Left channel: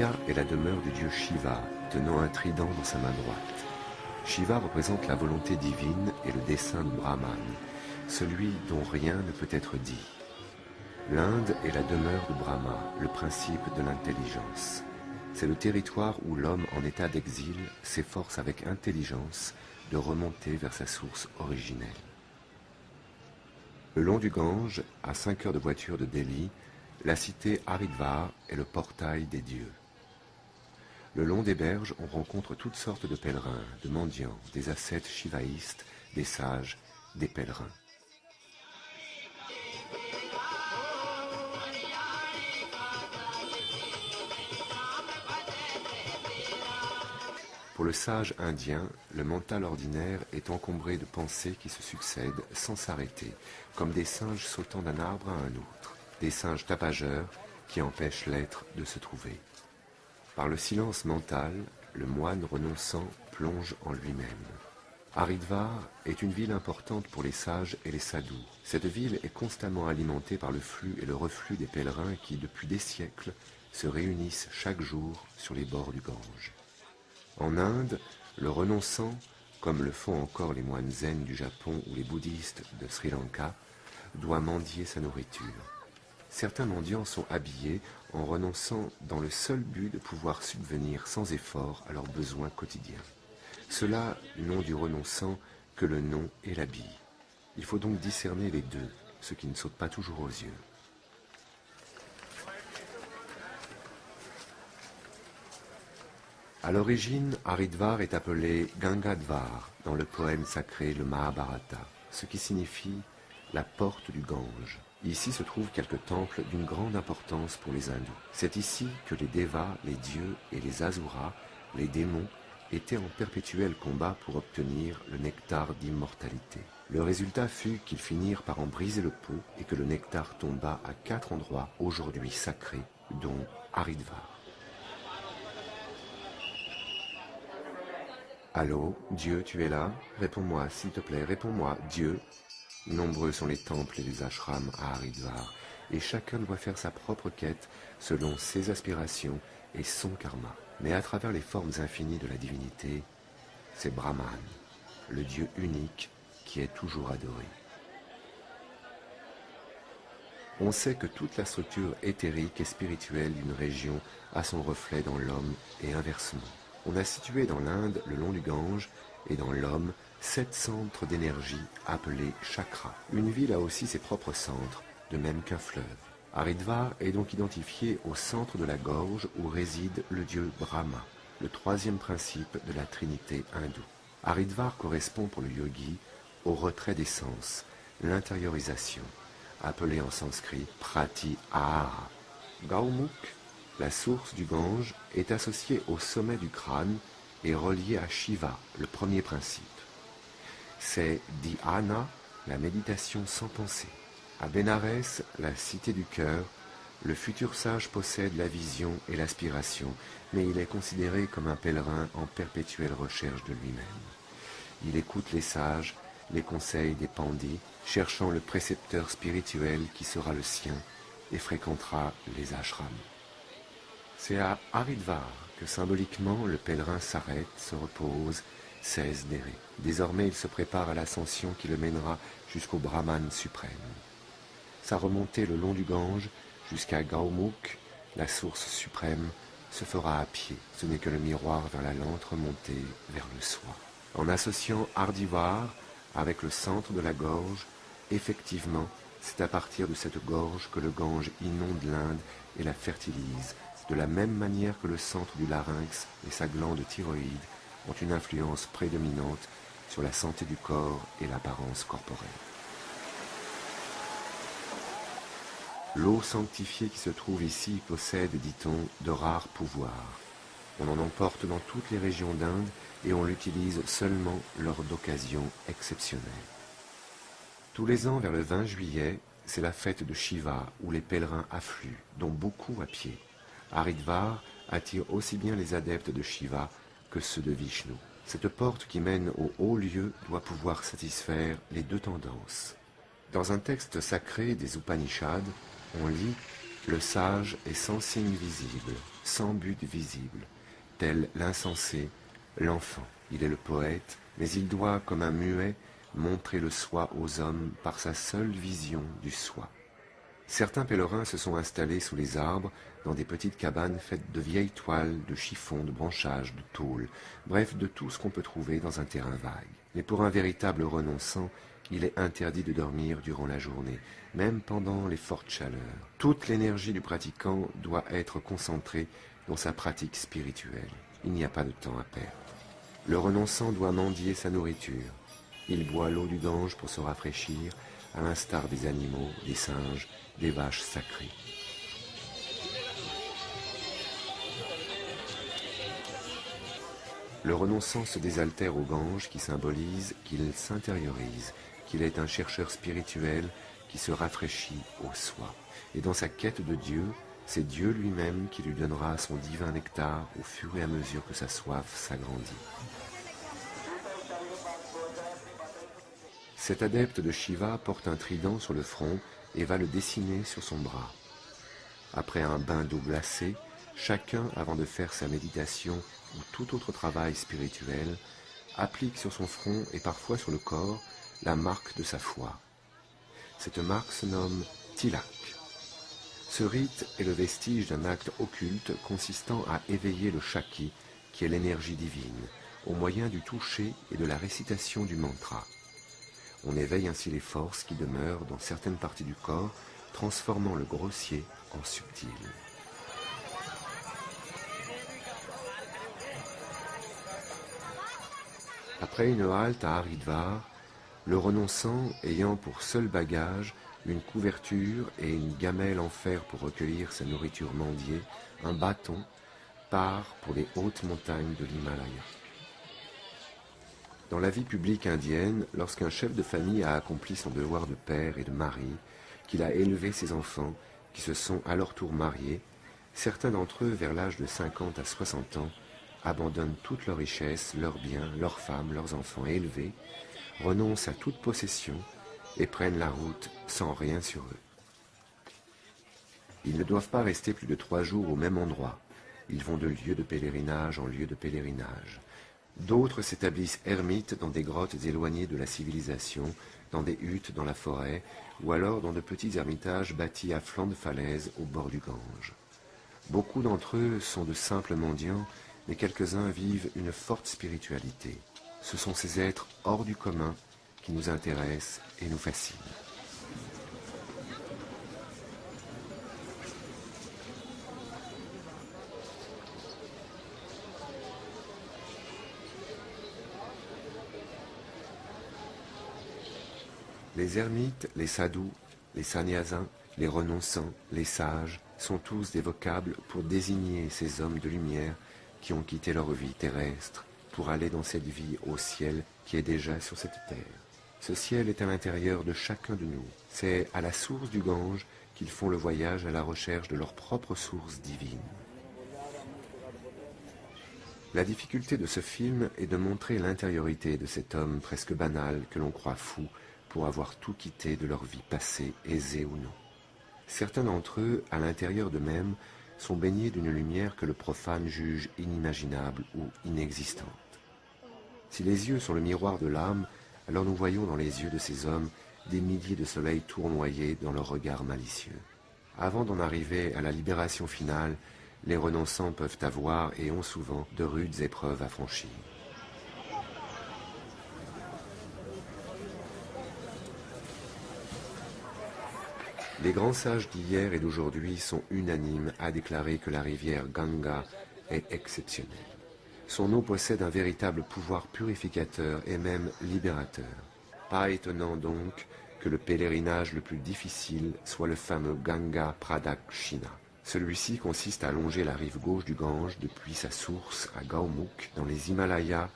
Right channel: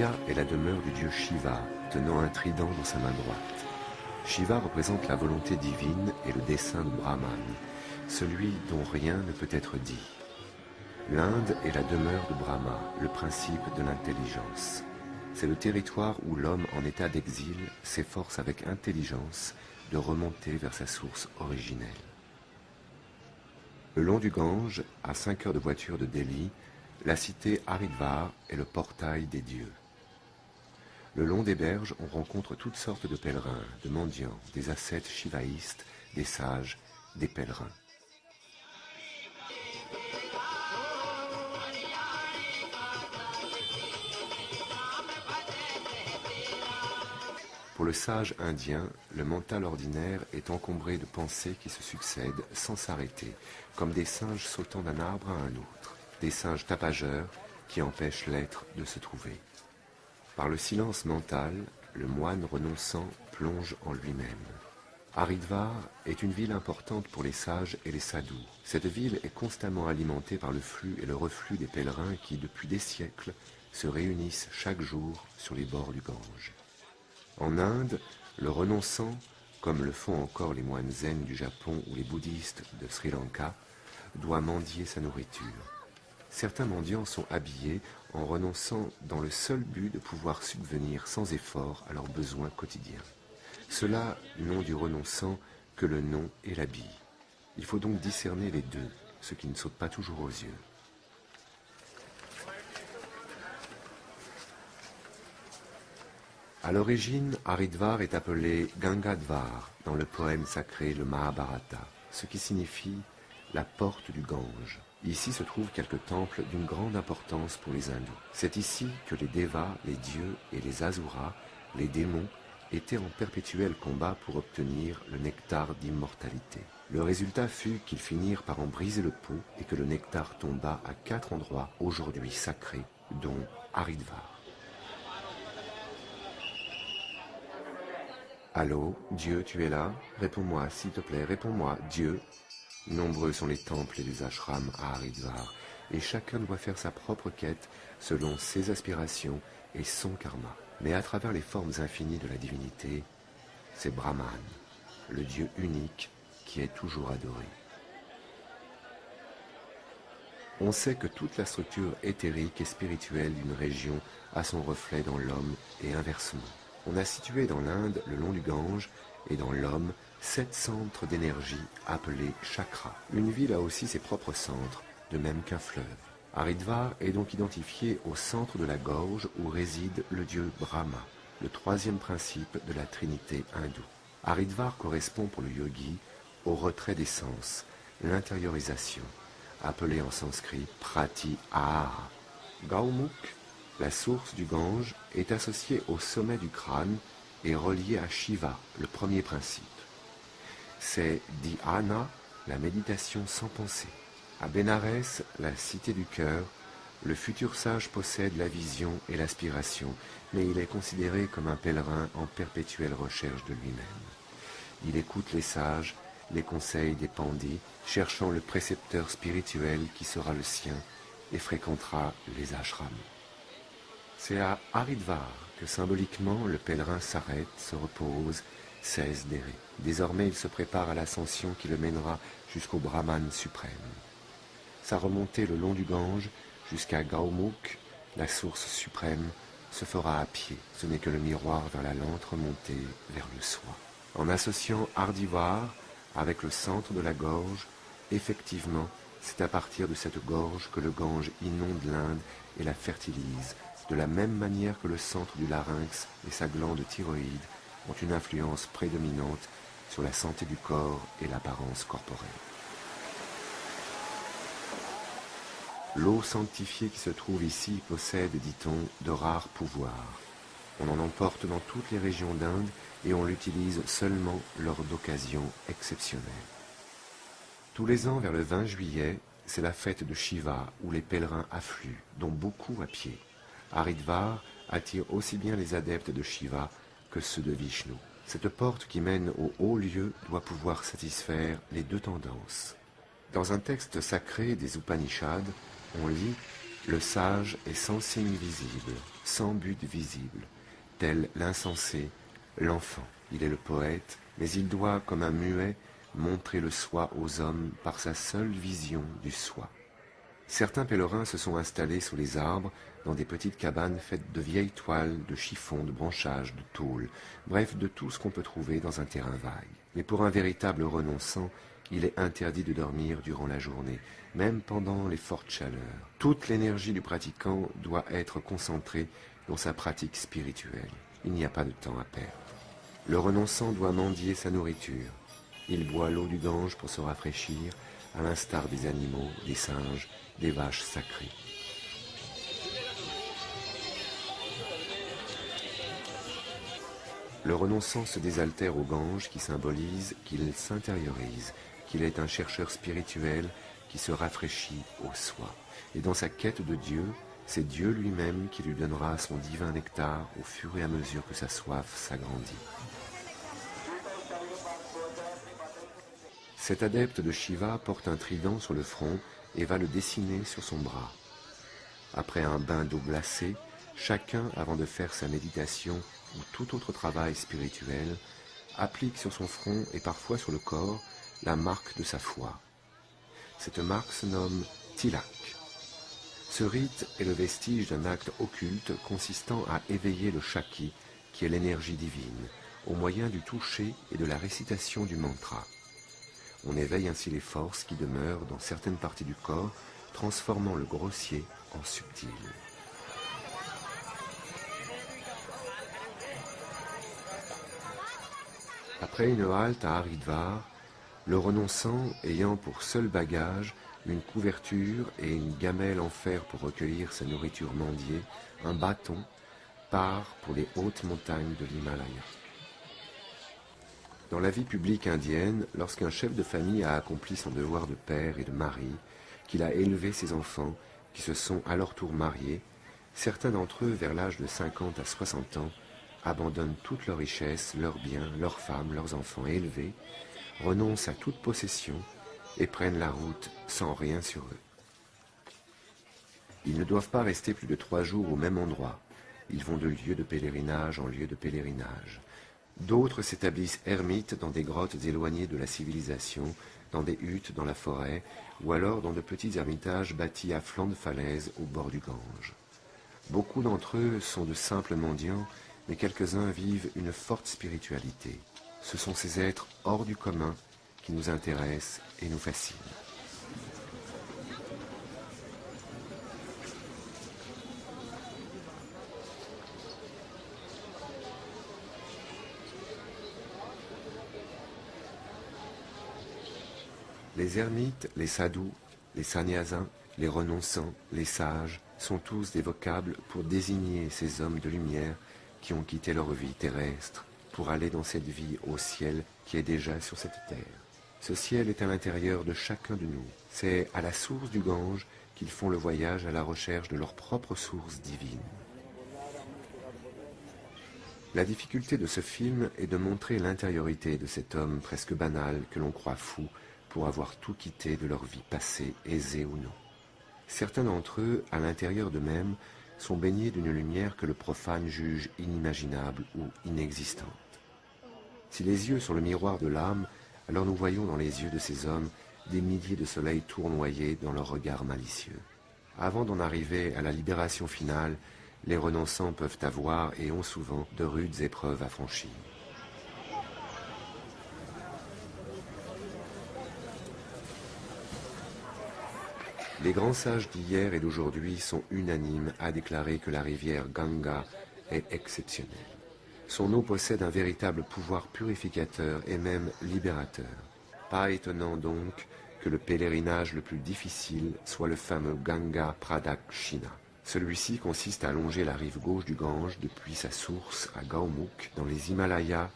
Surya est la demeure du dieu Shiva, tenant un trident dans sa main droite. Shiva représente la volonté divine et le dessein de Brahman, celui dont rien ne peut être dit. L'Inde est la demeure de Brahma, le principe de l'intelligence. C'est le territoire où l'homme en état d'exil s'efforce avec intelligence de remonter vers sa source originelle. Le long du Gange, à 5 heures de voiture de Delhi, la cité Haridwar est le portail des dieux. Le long des berges, on rencontre toutes sortes de pèlerins, de mendiants, des ascètes shivaïstes, des sages, des pèlerins. Pour le sage indien, le mental ordinaire est encombré de pensées qui se succèdent sans s'arrêter, comme des singes sautant d'un arbre à un autre, des singes tapageurs qui empêchent l'être de se trouver. Par le silence mental, le moine renonçant plonge en lui-même. Haridwar est une ville importante pour les sages et les sadhus. Cette ville est constamment alimentée par le flux et le reflux des pèlerins qui, depuis des siècles, se réunissent chaque jour sur les bords du Gange. En Inde, le renonçant, comme le font encore les moines zen du Japon ou les bouddhistes de Sri Lanka, doit mendier sa nourriture. Certains mendiants sont habillés en renonçant dans le seul but de pouvoir subvenir sans effort à leurs besoins quotidiens. Ceux-là n'ont du renonçant que le nom et l'habit. Il faut donc discerner les deux, ce qui ne saute pas toujours aux yeux. À l'origine, Haridwar est appelé Gangadvar dans le poème sacré le Mahabharata, ce qui signifie la porte du Gange. Ici se trouvent quelques temples d'une grande importance pour les hindous. C'est ici que les Devas, les dieux et les Asuras, les démons, étaient en perpétuel combat pour obtenir le nectar d'immortalité. Le résultat fut qu'ils finirent par en briser le pot et que le nectar tomba à 4 endroits aujourd'hui sacrés, dont Haridwar. Allô, Dieu, tu es là? Réponds-moi, s'il te plaît, réponds-moi, Dieu. Nombreux sont les temples et les ashrams à Haridwar, et chacun doit faire sa propre quête selon ses aspirations et son karma. Mais à travers les formes infinies de la divinité, c'est Brahman, le Dieu unique qui est toujours adoré. On sait que toute la structure éthérique et spirituelle d'une région a son reflet dans l'homme et inversement. On a situé dans l'Inde, le long du Gange, et dans l'homme, 7 centres d'énergie appelés chakras. Une ville a aussi ses propres centres, de même qu'un fleuve. Haridwar est donc identifié au centre de la gorge où réside le dieu Brahma, le 3e principe de la trinité hindoue. Haridwar correspond pour le yogi au retrait des sens, l'intériorisation, appelée en sanskrit pratyahara. Gaumukh, la source du Gange, est associée au sommet du crâne et reliée à Shiva, le 1er principe. C'est dhyana, la méditation sans pensée. À Bénarès, la cité du cœur, le futur sage possède la vision et l'aspiration, mais il est considéré comme un pèlerin en perpétuelle recherche de lui-même. Il écoute les sages, les conseils des pandits, cherchant le précepteur spirituel qui sera le sien et fréquentera les ashrams. C'est à Haridwar que symboliquement le pèlerin s'arrête, se repose, cesse d'errer. Désormais il se prépare à l'ascension qui le mènera jusqu'au Brahman suprême. Sa remontée le long du Gange jusqu'à Gaumukh, la source suprême, se fera à pied. Ce n'est que le miroir vers la lente remontée vers le soi. En associant Haridwar avec le centre de la gorge, effectivement, c'est à partir de cette gorge que le Gange inonde l'Inde et la fertilise, de la même manière que le centre du larynx et sa glande thyroïde ont une influence prédominante sur la santé du corps et l'apparence corporelle. L'eau sanctifiée qui se trouve ici possède, dit-on, de rares pouvoirs. On en emporte dans toutes les régions d'Inde et on l'utilise seulement lors d'occasions exceptionnelles. Tous les ans, vers le 20 juillet, c'est la fête de Shiva où les pèlerins affluent, dont beaucoup à pied. Haridwar attire aussi bien les adeptes de Shiva que ceux de Vishnu. Cette porte qui mène au haut lieu doit pouvoir satisfaire les deux tendances. Dans un texte sacré des Upanishads, on lit « Le sage est sans signe visible, sans but visible, tel l'insensé, l'enfant. Il est le poète, mais il doit, comme un muet, montrer le soi aux hommes par sa seule vision du soi. Certains pèlerins se sont installés sous les arbres, dans des petites cabanes faites de vieilles toiles, de chiffons, de branchages, de tôles, bref, de tout ce qu'on peut trouver dans un terrain vague. Mais pour un véritable renonçant, il est interdit de dormir durant la journée, même pendant les fortes chaleurs. Toute l'énergie du pratiquant doit être concentrée dans sa pratique spirituelle. Il n'y a pas de temps à perdre. Le renonçant doit mendier sa nourriture. Il boit l'eau du Gange pour se rafraîchir, à l'instar des animaux, des singes, des vaches sacrées. Le renonçant se désaltère au Gange qui symbolise qu'il s'intériorise, qu'il est un chercheur spirituel qui se rafraîchit au soi. Et dans sa quête de Dieu, c'est Dieu lui-même qui lui donnera son divin nectar au fur et à mesure que sa soif s'agrandit. Cet adepte de Shiva porte un trident sur le front et va le dessiner sur son bras. Après un bain d'eau glacée, chacun, avant de faire sa méditation ou tout autre travail spirituel, applique sur son front et parfois sur le corps la marque de sa foi. Cette marque se nomme tilak. Ce rite est le vestige d'un acte occulte consistant à éveiller le Shakti, qui est l'énergie divine, au moyen du toucher et de la récitation du mantra. On éveille ainsi les forces qui demeurent dans certaines parties du corps, transformant le grossier en subtil. Après une halte à Haridwar, le renonçant, ayant pour seul bagage une couverture et une gamelle en fer pour recueillir sa nourriture mendiée, un bâton, part pour les hautes montagnes de l'Himalaya. Dans la vie publique indienne, lorsqu'un chef de famille a accompli son devoir de père et de mari, qu'il a élevé ses enfants, qui se sont à leur tour mariés, certains d'entre eux, vers l'âge de 50 à 60 ans, abandonnent toute leur richesse, leurs biens, leurs femmes, leurs enfants élevés, renoncent à toute possession et prennent la route sans rien sur eux. Ils ne doivent pas rester plus de 3 jours au même endroit. Ils vont de lieu de pèlerinage en lieu de pèlerinage. D'autres s'établissent ermites dans des grottes éloignées de la civilisation, dans des huttes dans la forêt, ou alors dans de petits ermitages bâtis à flanc de falaise au bord du Gange. Beaucoup d'entre eux sont de simples mendiants, mais quelques-uns vivent une forte spiritualité. Ce sont ces êtres hors du commun qui nous intéressent et nous fascinent. Les ermites, les sadhus, les sannyasins, les renonçants, les sages sont tous des vocables pour désigner ces hommes de lumière qui ont quitté leur vie terrestre pour aller dans cette vie au ciel qui est déjà sur cette terre. Ce ciel est à l'intérieur de chacun de nous. C'est à la source du Gange qu'ils font le voyage à la recherche de leur propre source divine. La difficulté de ce film est de montrer l'intériorité de cet homme presque banal que l'on croit fou pour avoir tout quitté de leur vie passée, aisée ou non. Certains d'entre eux, à l'intérieur d'eux-mêmes, sont baignés d'une lumière que le profane juge inimaginable ou inexistante. Si les yeux sont le miroir de l'âme, alors nous voyons dans les yeux de ces hommes des milliers de soleils tournoyés dans leur regard malicieux. Avant d'en arriver à la libération finale, les renonçants peuvent avoir et ont souvent de rudes épreuves à franchir. Les grands sages d'hier et d'aujourd'hui sont unanimes à déclarer que la rivière Ganga est exceptionnelle. Son eau possède un véritable pouvoir purificateur et même libérateur. Pas étonnant donc que le pèlerinage le plus difficile soit le fameux Ganga Pradakshina. Celui-ci consiste à longer la rive gauche du Gange depuis sa source à Gaumukh dans les Himalayas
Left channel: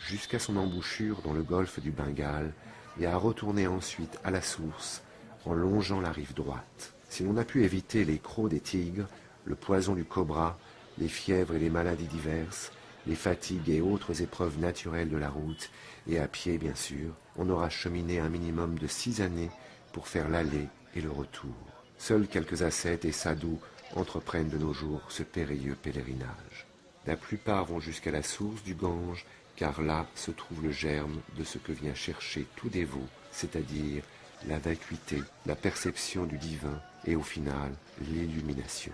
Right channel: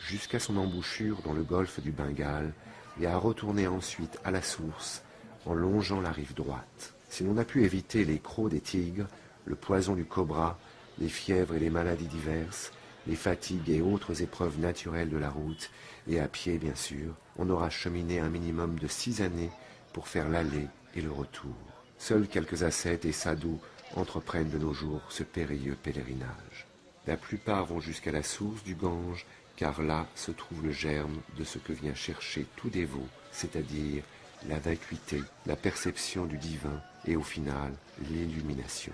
jusqu'à son embouchure dans le golfe du Bengale et à retourner ensuite à la source en longeant la rive droite. Si l'on a pu éviter les crocs des tigres, le poison du cobra, les fièvres et les maladies diverses, les fatigues et autres épreuves naturelles de la route, et à pied bien sûr, on aura cheminé un minimum de 6 années pour faire l'aller et le retour. Seuls quelques ascètes et sadhus entreprennent de nos jours ce périlleux pèlerinage. La plupart vont jusqu'à la source du Gange, car là se trouve le germe de ce que vient chercher tout dévot, c'est-à-dire la vacuité, la perception du divin et au final l'illumination.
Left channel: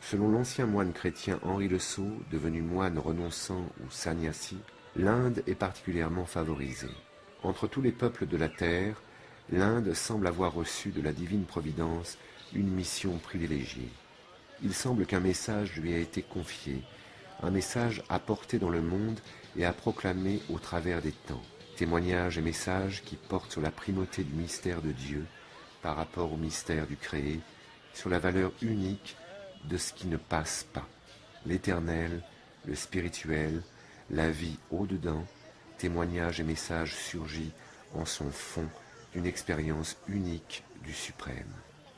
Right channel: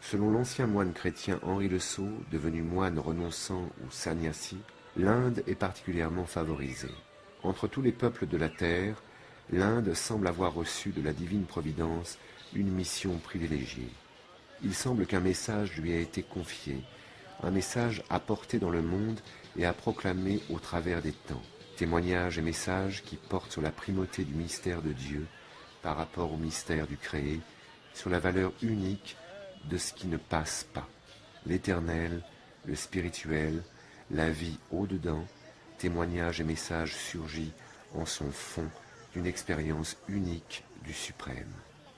Selon l'ancien moine chrétien Henri le Sceau, devenu moine renonçant ou sannyasi, l'Inde est particulièrement favorisée. Entre tous les peuples de la terre, l'Inde semble avoir reçu de la divine providence une mission privilégiée. Il semble qu'un message lui a été confié, un message à porter dans le monde et à proclamer au travers des temps. Témoignages et messages qui portent sur la primauté du mystère de Dieu par rapport au mystère du créé, sur la valeur unique de ce qui ne passe pas, l'éternel, le spirituel, la vie au-dedans, témoignages et messages surgis en son fond d'une expérience unique du suprême.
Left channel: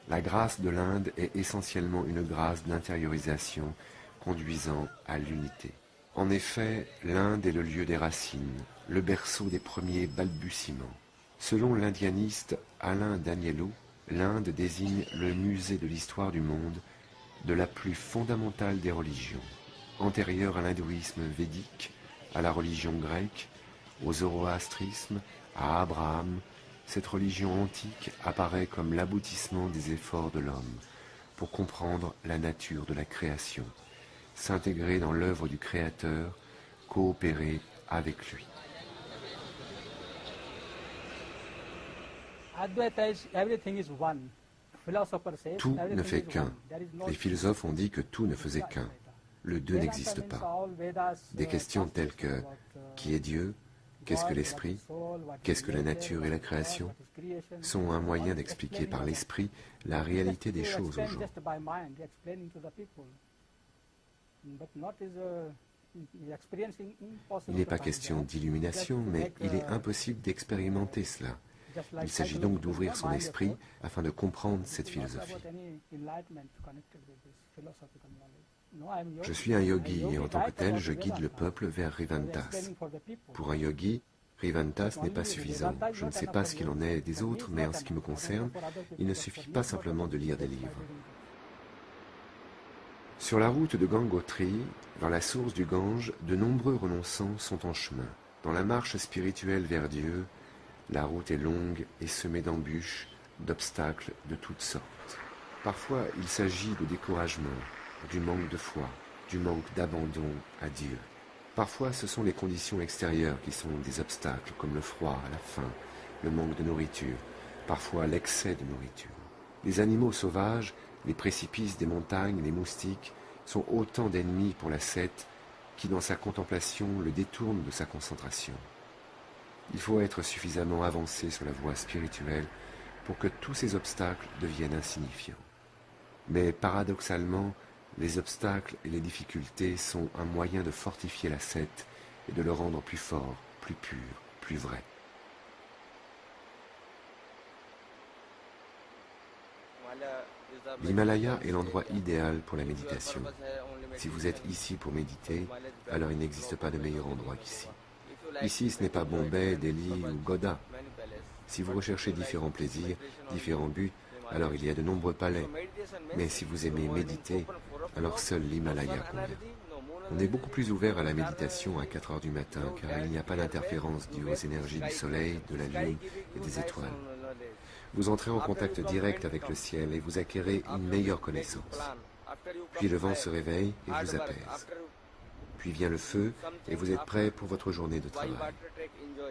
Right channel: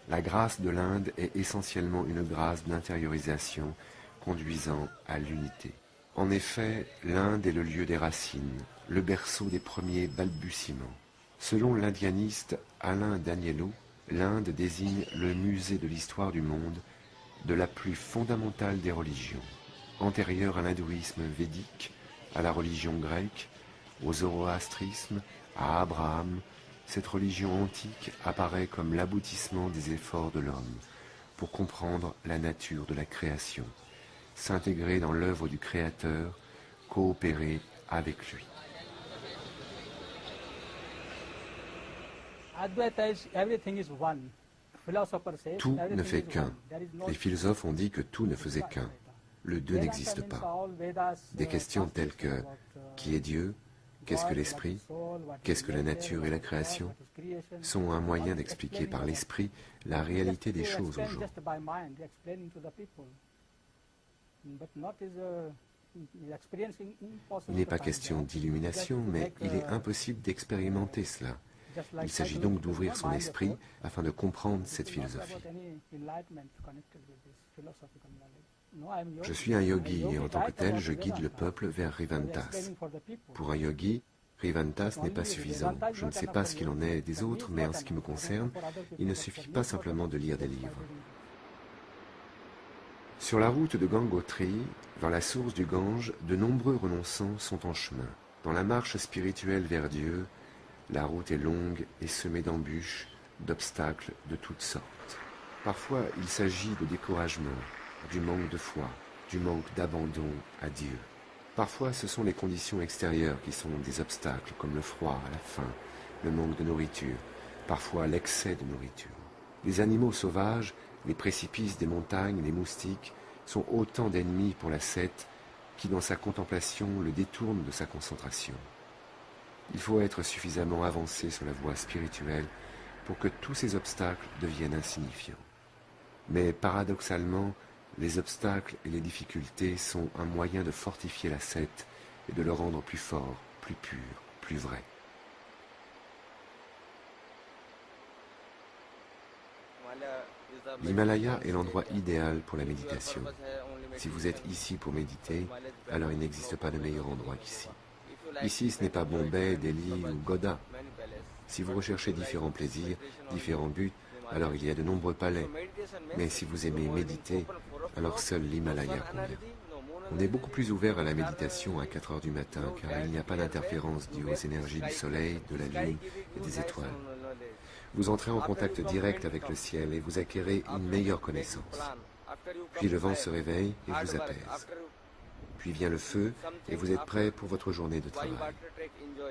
La grâce de l'Inde est essentiellement une grâce d'intériorisation conduisant à l'unité. En effet, l'Inde est le lieu des racines, le berceau des premiers balbutiements. Selon l'indianiste Alain Daniello, l'Inde désigne le musée de l'histoire du monde, de la plus fondamentale des religions, antérieure à l'hindouisme védique, à la religion grecque, au zoroastrisme, à Abraham. Cette religion antique apparaît comme l'aboutissement des efforts de l'homme pour comprendre la nature de la création, s'intégrer dans l'œuvre du Créateur, coopérer avec lui. Tout ne fait qu'un. Les philosophes ont dit que tout ne faisait qu'un. Le deux n'existe pas. Des questions telles que qui est Dieu, qu'est-ce que l'esprit, qu'est-ce que la nature et la création, sont un moyen d'expliquer par l'esprit la réalité des choses au jour. Il n'est pas question d'illumination, mais il est impossible d'expérimenter cela. Il s'agit donc d'ouvrir son esprit afin de comprendre cette philosophie. Je suis un yogi et en tant que tel, je guide le peuple vers Rivantas. Pour un yogi, Rivantas n'est pas suffisant. Je ne sais pas ce qu'il en est des autres, mais en ce qui me concerne, il ne suffit pas simplement de lire des livres. Sur la route de Gangotri, dans la source du Gange, de nombreux renonçants sont en chemin. Dans la marche spirituelle vers Dieu, la route est longue et semée d'embûches, d'obstacles de toutes sortes. Parfois, il s'agit de découragement, du manque de foi, du manque d'abandon à Dieu. Parfois, ce sont les conditions extérieures qui sont des obstacles, comme le froid, la faim, le manque de nourriture, parfois l'excès de nourriture. Les animaux sauvages, les précipices des montagnes, les moustiques, sont autant d'ennemis pour l'ascète qui, dans sa contemplation, le détourne de sa concentration. Il faut être suffisamment avancé sur la voie spirituelle pour que tous ces obstacles deviennent insignifiants. Mais paradoxalement, les obstacles et les difficultés sont un moyen de fortifier l'ascète et de le rendre plus fort, plus pur, plus vrai. L'Himalaya est l'endroit idéal pour la méditation. Si vous êtes ici pour méditer, alors il n'existe pas de meilleur endroit qu'ici. Ici, ce n'est pas Bombay, Delhi ou Godha. Si vous recherchez différents plaisirs, différents buts, alors il y a de nombreux palais. Mais si vous aimez méditer, alors seul l'Himalaya convient. On est beaucoup plus ouvert à la méditation à 4 heures du matin, car il n'y a pas d'interférence due aux énergies du soleil, de la lune et des étoiles. Vous entrez en contact direct avec le ciel et vous acquérez une meilleure connaissance. Puis le vent se réveille et vous apaise. Puis vient le feu et vous êtes prêt pour votre journée de travail.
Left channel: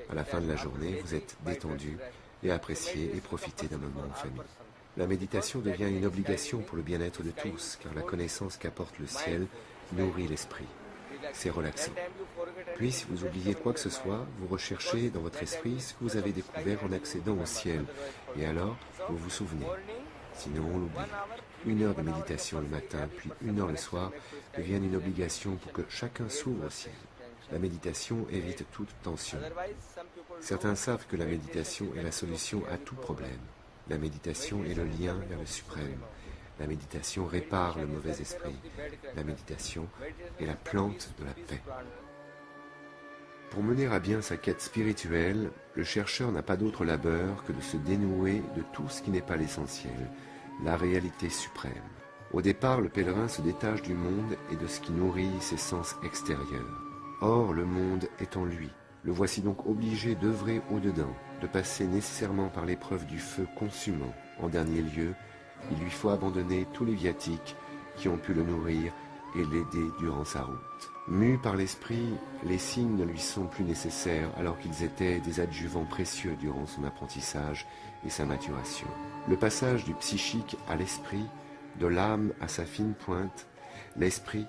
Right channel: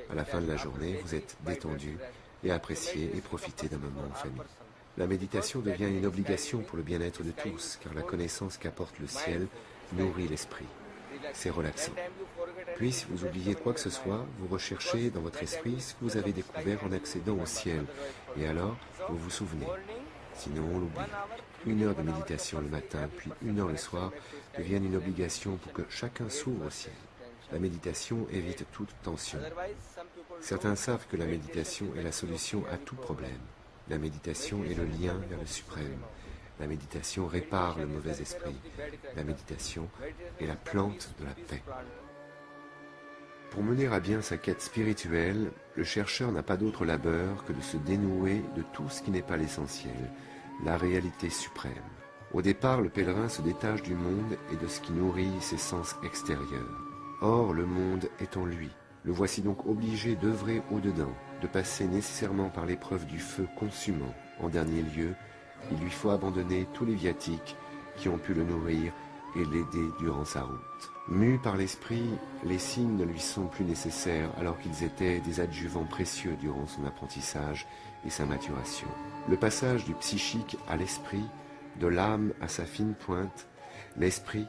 À la fin de la journée, vous êtes détendu et appréciez et profitez d'un moment en famille. La méditation devient une obligation pour le bien-être de tous, car la connaissance qu'apporte le ciel nourrit l'esprit. C'est relaxant. Puis, si vous oubliez quoi que ce soit, vous recherchez dans votre esprit ce que vous avez découvert en accédant au ciel. Et alors, vous vous souvenez. Sinon, on l'oublie. 1 heure de méditation le matin, puis 1 heure le soir, deviennent une obligation pour que chacun s'ouvre au ciel. La méditation évite toute tension. Certains savent que la méditation est la solution à tout problème. La méditation est le lien vers le suprême. La méditation répare le mauvais esprit. La méditation est la plante de la paix. Pour mener à bien sa quête spirituelle, le chercheur n'a pas d'autre labeur que de se dénouer de tout ce qui n'est pas l'essentiel, la réalité suprême. Au départ, le pèlerin se détache du monde et de ce qui nourrit ses sens extérieurs. Or, le monde est en lui. Le voici donc obligé d'œuvrer au-dedans, de passer nécessairement par l'épreuve du feu consumant. En dernier lieu, il lui faut abandonner tous les viatiques qui ont pu le nourrir et l'aider durant sa route. Mu par l'esprit, les signes ne lui sont plus nécessaires alors qu'ils étaient des adjuvants précieux durant son apprentissage et sa maturation. Le passage du psychique à l'esprit, de l'âme à sa fine pointe, l'esprit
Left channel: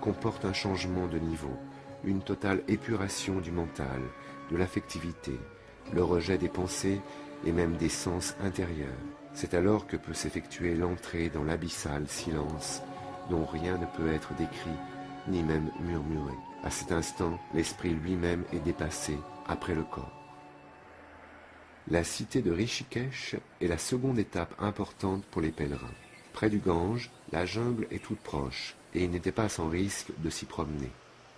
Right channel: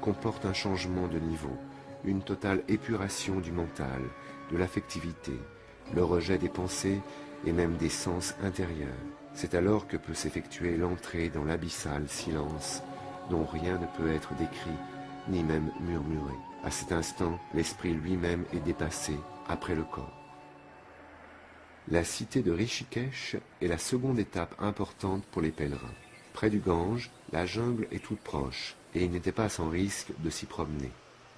comporte un changement de niveau, une totale épuration du mental, de l'affectivité, le rejet des pensées et même des sens intérieurs. C'est alors que peut s'effectuer l'entrée dans l'abyssal silence dont rien ne peut être décrit ni même murmuré. À cet instant, l'esprit lui-même est dépassé après le corps. La cité de Rishikesh est la seconde étape importante pour les pèlerins. Près du Gange, la jungle est toute proche et il n'était pas sans risque de s'y promener.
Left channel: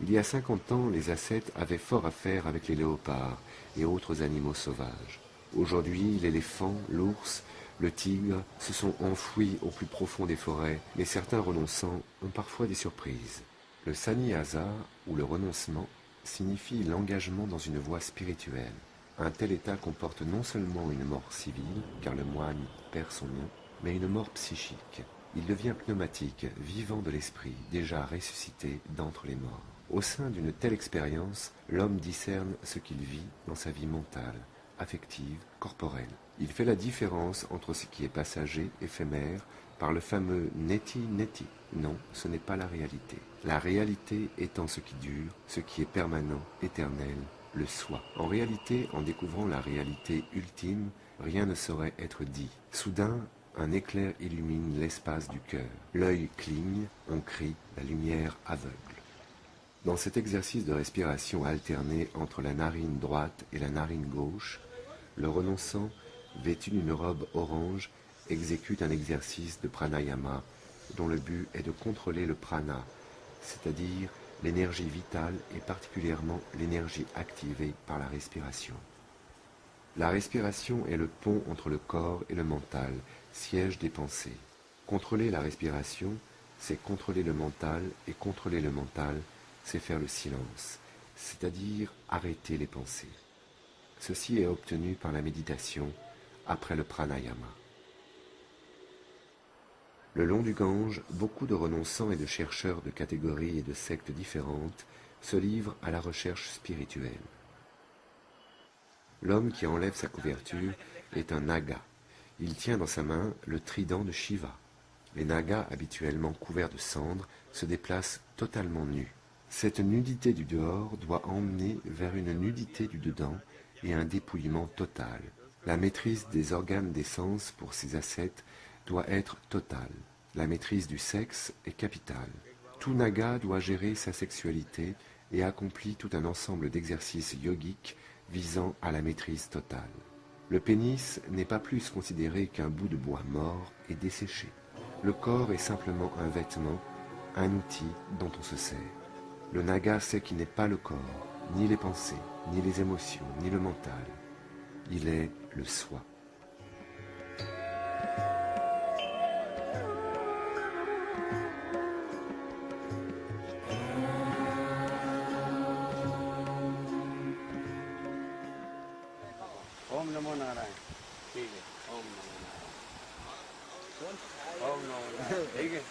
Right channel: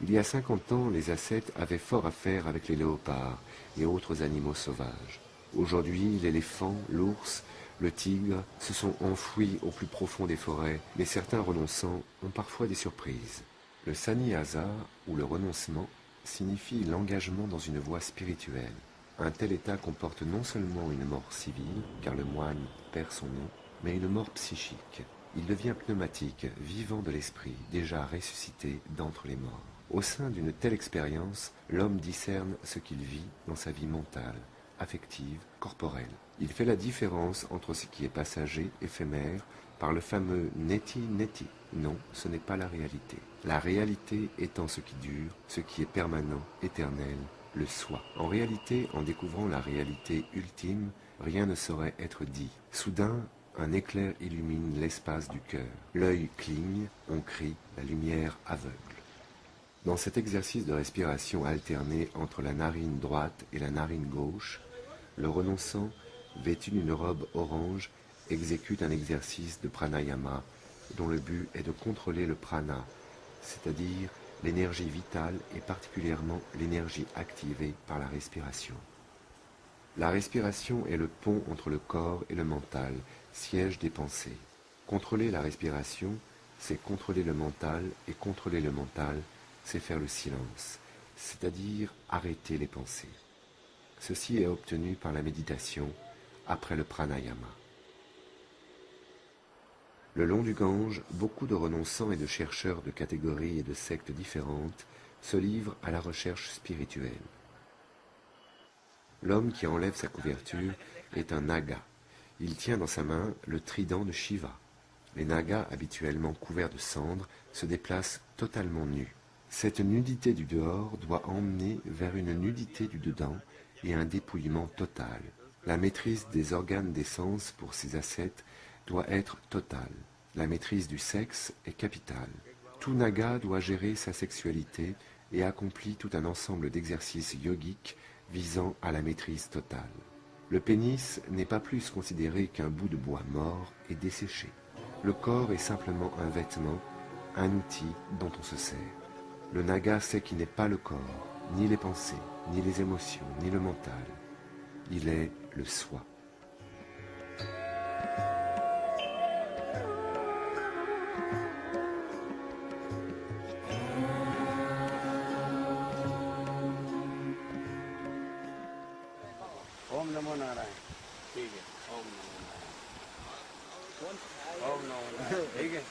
Il y a 50 ans, les ascètes avaient fort à faire avec les léopards et autres animaux sauvages. Aujourd'hui, l'éléphant, l'ours, le tigre se sont enfouis au plus profond des forêts, mais certains renonçants ont parfois des surprises. Le sannyasa, ou le renoncement, signifie l'engagement dans une voie spirituelle. Un tel état comporte non seulement une mort civile, car le moine perd son nom, mais une mort psychique. Il devient pneumatique, vivant de l'esprit, déjà ressuscité d'entre les morts. Au sein d'une telle expérience, l'homme discerne ce qu'il vit dans sa vie mentale, affective, corporelle. Il fait la différence entre ce qui est passager, éphémère, par le fameux neti-neti. Non, ce n'est pas la réalité. La réalité étant ce qui dure, ce qui est permanent, éternel, le soi. En réalité, en découvrant la réalité ultime, rien ne saurait être dit. Soudain, un éclair illumine l'espace du cœur. L'œil cligne, on crie, la lumière aveugle. Dans cet exercice de respiration alternée entre la narine droite et la narine gauche, le renonçant, vêtu d'une robe orange, exécute un exercice de pranayama dont le but est de contrôler le prana, c'est-à-dire l'énergie vitale et particulièrement l'énergie activée par la respiration. La respiration est le pont entre le corps et le mental, siège des pensées. Contrôler la respiration, c'est contrôler le mental, et contrôler le mental, c'est faire le silence, c'est-à-dire arrêter les pensées. Ceci est obtenu par la méditation après le pranayama. Le long du Gange, beaucoup de renonçants et de chercheurs de catégories et de sectes différentes se livrent à la recherche spirituelle. L'homme qui enlève sa couverture est un naga. Il tient dans sa main le trident de Shiva. Les nagas, habituellement couverts de cendres, se déplacent totalement nus. Cette nudité du dehors doit emmener vers une nudité du dedans et un dépouillement total. La maîtrise des organes des sens pour ces ascètes doit être totale. La maîtrise du sexe est capitale. Tout naga doit gérer sa sexualité et accomplit tout un ensemble d'exercices yogiques visant à la maîtrise totale. Le pénis n'est pas plus considéré qu'un bout de bois mort et desséché. Le corps est simplement un vêtement, un outil dont on se sert. Le naga sait qu'il n'est pas le corps, ni les pensées, ni les émotions, ni le mental. Il est le soi. Om Namo Narayana. ठीक है. Om Namo Narayana. Om Namo Narayana. ठीक है.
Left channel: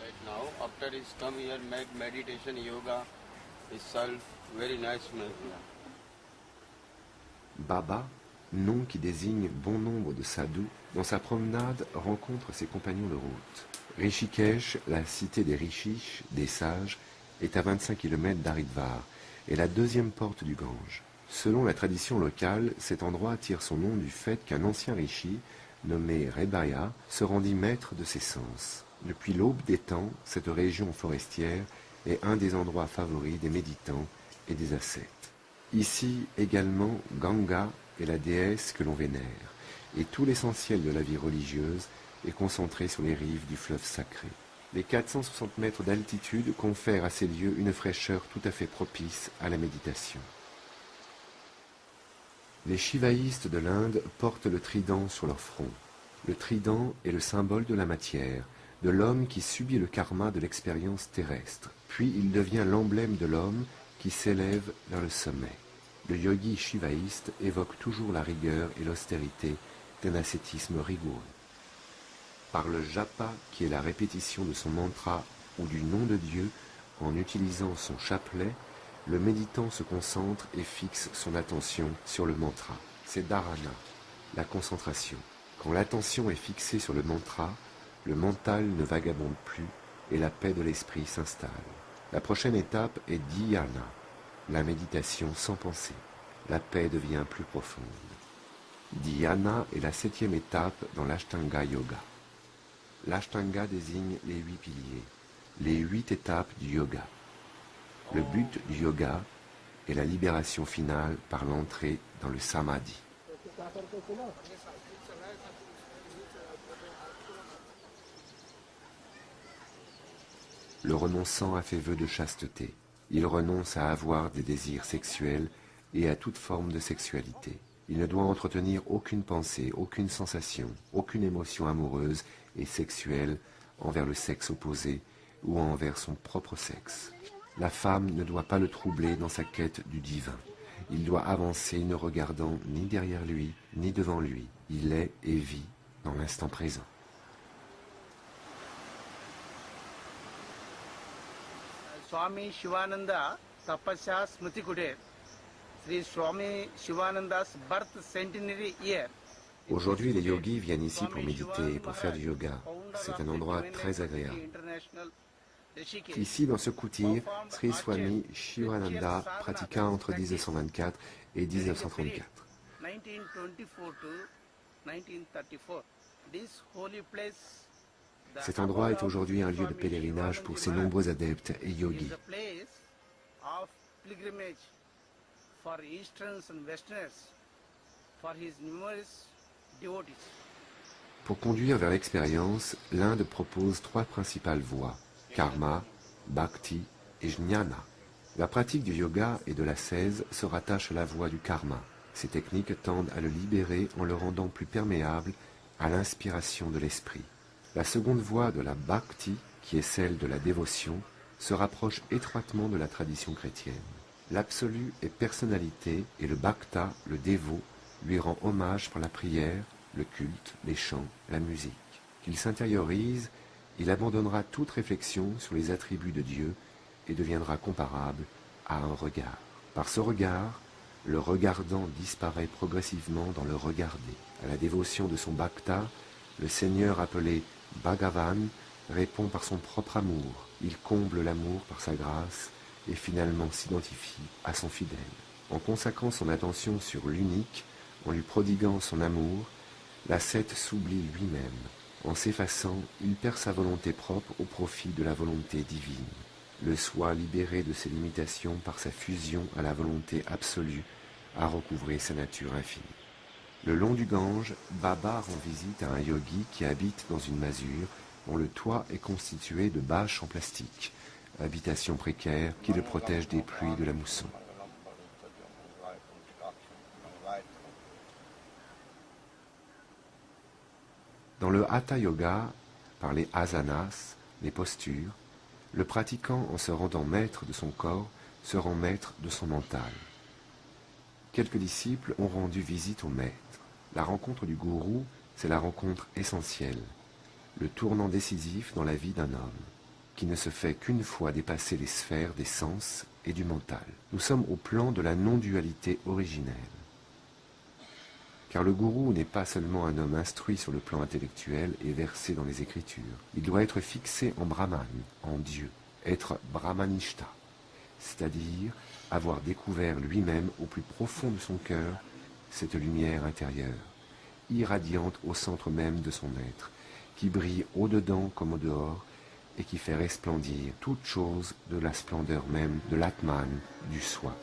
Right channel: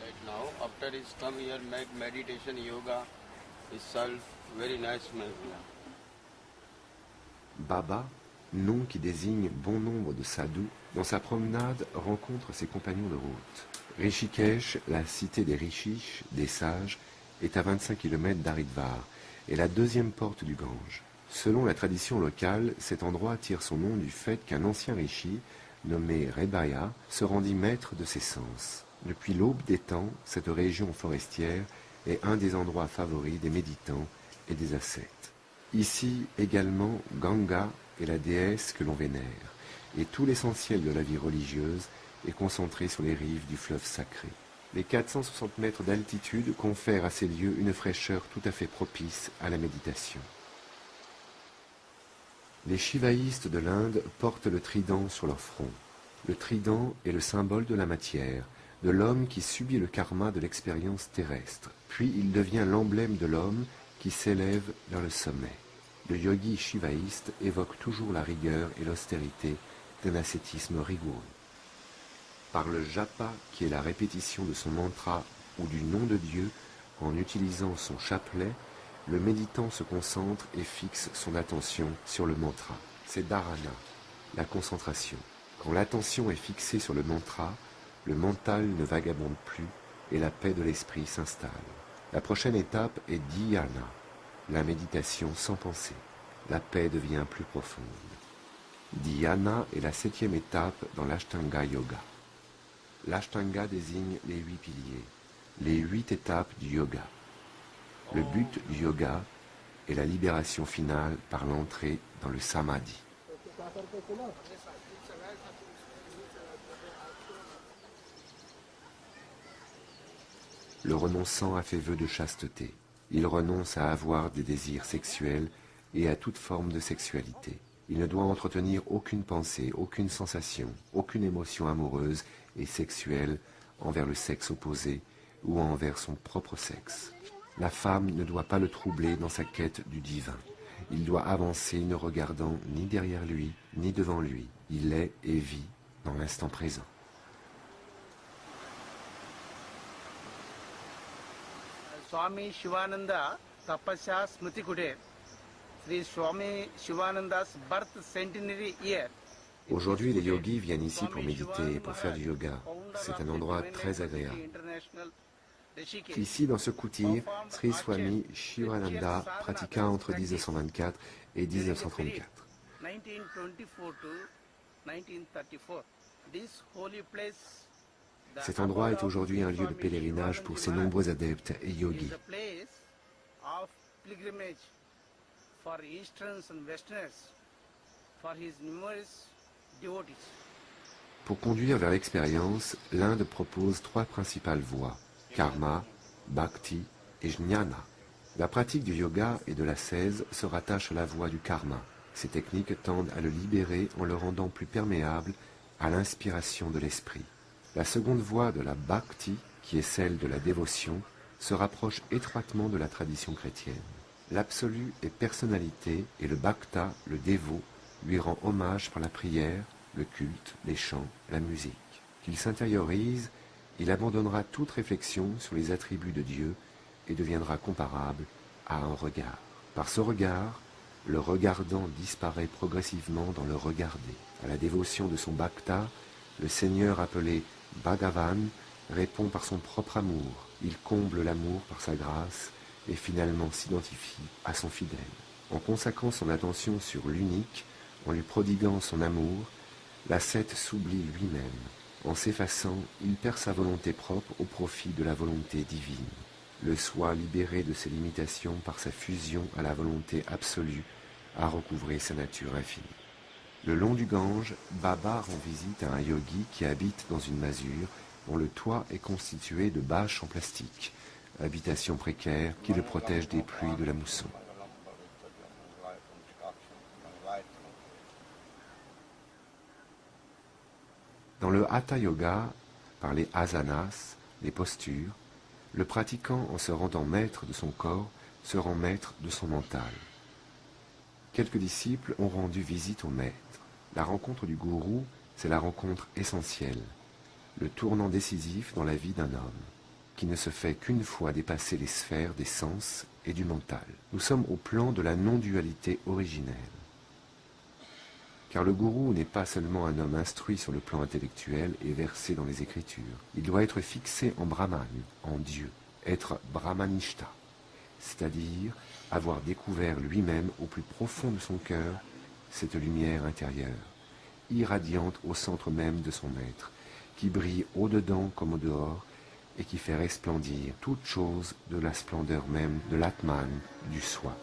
Right now, after he's come here, make meditation, yoga, itself very nice man. Baba, nom qui désigne bon nombre de sadhus, dans sa promenade rencontre ses compagnons de route. Rishikesh, la cité des rishis, des sages, est à 25 km d'Haridwar et la deuxième porte du Gange. Selon la tradition locale, cet endroit tire son nom du fait qu'un ancien rishi, nommé Rebaya, se rendit maître de ses sens. Depuis l'aube des temps, cette région forestière est un des endroits favoris des méditants et des ascètes. Ici également, Ganga est la déesse que l'on vénère, et tout l'essentiel de la vie religieuse est concentré sur les rives du fleuve sacré. Les 460 mètres d'altitude confèrent à ces lieux une fraîcheur tout à fait propice à la méditation. Les shivaïstes de l'Inde portent le trident sur leur front. Le trident est le symbole de la matière, de l'homme qui subit le karma de l'expérience terrestre. Puis il devient l'emblème de l'homme qui s'élève vers le sommet. Le yogi shivaïste évoque toujours la rigueur et l'austérité d'un ascétisme rigoureux. Par le japa, qui est la répétition de son mantra ou du nom de Dieu, en utilisant son chapelet, le méditant se concentre et fixe son attention sur le mantra. C'est dharana, la concentration. Quand l'attention est fixée sur le mantra, le mental ne vagabonde plus et la paix de l'esprit s'installe. La prochaine étape est dhyana, la méditation sans pensée. La paix devient plus profonde. Dhyana est la 7e étape dans l'Ashtanga Yoga. L'Ashtanga désigne les 8 piliers, les 8 étapes du yoga. Le but du yoga est la libération finale par l'entrée dans le samadhi. Le renonçant a fait vœu de chasteté. Il renonce à avoir des désirs sexuels et à toute forme de sexualité. Il ne doit entretenir aucune pensée, aucune sensation, aucune émotion amoureuse et sexuelle envers le sexe opposé ou envers son propre sexe. La femme ne doit pas le troubler dans sa quête du divin. Il doit avancer ne regardant ni derrière lui, ni devant lui. Il est et vit dans l'instant présent. Swami Shivananda Tapasya Smriti Kutir, Sri Swami Shivananda's birth centenary year. Aujourd'hui, les yogis viennent ici pour méditer et pour faire du yoga. C'est un endroit très agréable. Ici, dans ce kutir, Sri Swami Shivananda pratiqua entre 1924 et 1934. Cet endroit est aujourd'hui un lieu de pèlerinage pour ses nombreux adeptes et yogis. Pour conduire vers l'expérience, l'Inde propose 3 principales voies, karma, bhakti et jnana. La pratique du yoga et de l'ascèse se rattache à la voie du karma. Ces techniques tendent à le libérer en le rendant plus perméable à l'inspiration de l'esprit. La seconde voie de la bhakti, qui est celle de la dévotion, se rapproche étroitement de la tradition chrétienne. L'absolu est personnalité et le bhakta, le dévot, lui rend hommage par la prière, le culte, les chants, la musique. Qu'il s'intériorise, il abandonnera toute réflexion sur les attributs de Dieu et deviendra comparable à un regard. Par ce regard, le regardant disparaît progressivement dans le regarder. À la dévotion de son bhakta, le Seigneur appelé Bhagavan répond par son propre amour. Il comble l'amour par sa grâce et finalement s'identifie à son fidèle. En consacrant son attention sur l'unique, en lui prodiguant son amour, l'ascète s'oublie lui-même. En s'effaçant, il perd sa volonté propre au profit de la volonté divine. Le soi libéré de ses limitations par sa fusion à la volonté absolue a recouvré sa nature infinie. Le long du Gange, Baba rend visite à un yogi qui habite dans une masure dont le toit est constitué de bâches en plastique, habitation précaire qui le protège des pluies de la mousson. Dans le Hatha Yoga, par les asanas, les postures, le pratiquant, en se rendant maître de son corps, se rend maître de son mental. Quelques disciples ont rendu visite au maître. La rencontre du gourou, c'est la rencontre essentielle, le tournant décisif dans la vie d'un homme, qui ne se fait qu'une fois dépasser les sphères des sens et du mental. Nous sommes au plan de la non-dualité originelle. Car le gourou n'est pas seulement un homme instruit sur le plan intellectuel et versé dans les Écritures. Il doit être fixé en Brahman, en Dieu, être Brahmanishta, c'est-à-dire avoir découvert lui-même au plus profond de son cœur cette lumière intérieure, irradiante au centre même de son être, qui brille au-dedans comme au dehors et qui fait resplendir toute chose de la splendeur même de l'Atman, du soi.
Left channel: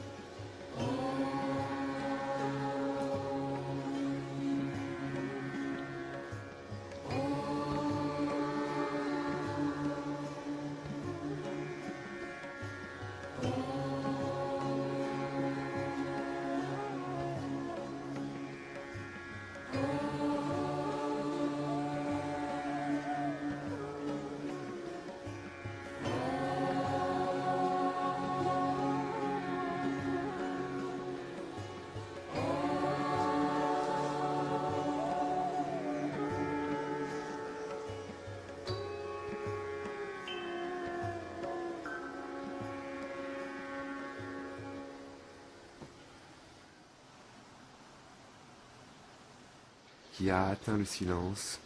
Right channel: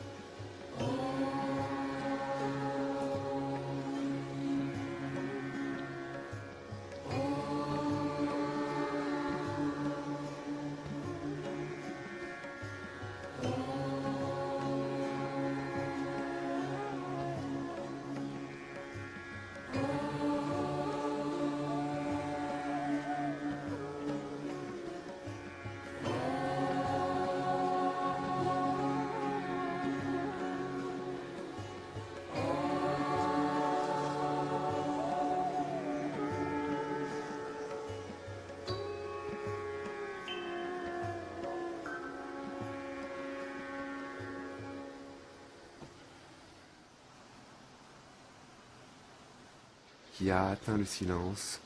qui a atteint le silence,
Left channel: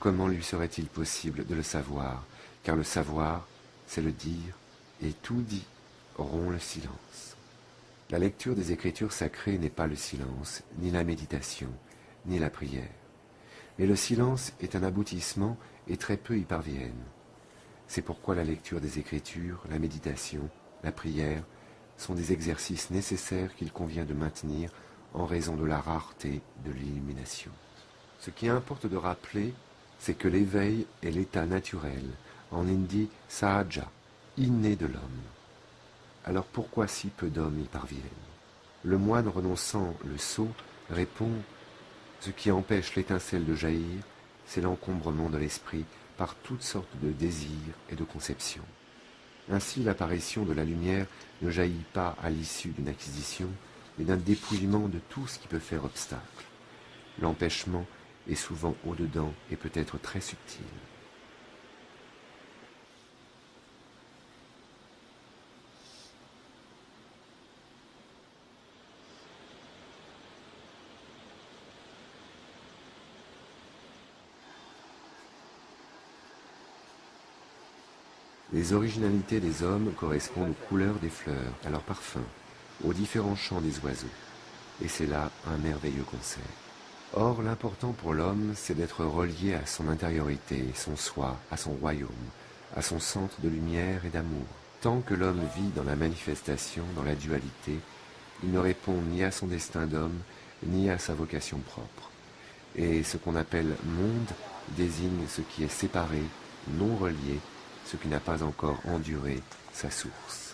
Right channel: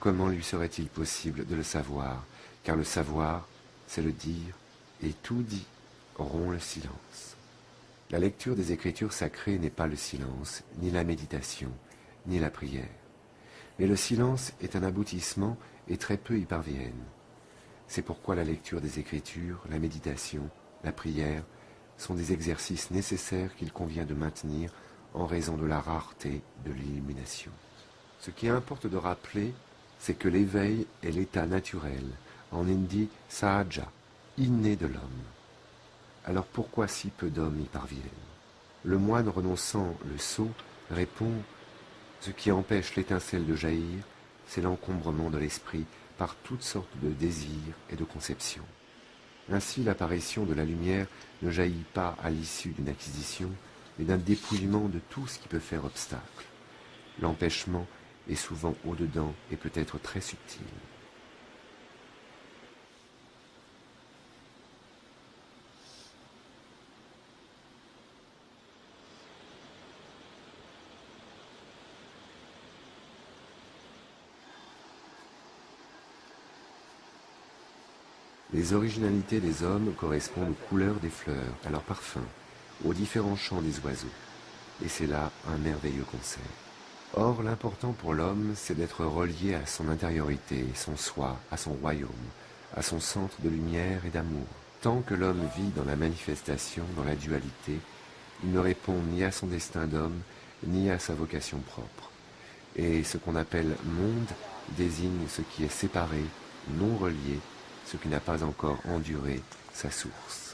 comment lui serait-il possible de le savoir? Car le savoir, c'est le dire, et tout dit rompt le silence. La lecture des Écritures sacrées n'est pas le silence, ni la méditation, ni la prière. Mais le silence est un aboutissement et très peu y parviennent. C'est pourquoi la lecture des Écritures, la méditation, la prière sont des exercices nécessaires qu'il convient de maintenir en raison de la rareté de l'illumination. Ce qui importe de rappeler, c'est que l'éveil est l'état naturel, en hindi sahaja, inné de l'homme. Alors pourquoi si peu d'hommes y parviennent? Le moine renonçant le sceau répond: ce qui empêche l'étincelle de jaillir, c'est l'encombrement de l'esprit par toutes sortes de désirs et de conceptions. Ainsi, l'apparition de la lumière ne jaillit pas à l'issue d'une acquisition, mais d'un dépouillement de tout ce qui peut faire obstacle. L'empêchement est souvent au-dedans et peut être très subtil. Les originalités des hommes correspondent aux couleurs des fleurs, à leur parfum, aux différents chants des oiseaux. Et c'est là un merveilleux concert. Or, l'important pour l'homme, c'est d'être relié à son intériorité, son soi, à son royaume, à son centre de lumière et d'amour. Tant que l'homme vit dans la manifestation, dans la dualité, il ne répond ni à son destin d'homme, ni à sa vocation propre. Et ce qu'on appelle monde désigne ce qui est séparé, non relié, ce qui n'a pas encore enduré sa source.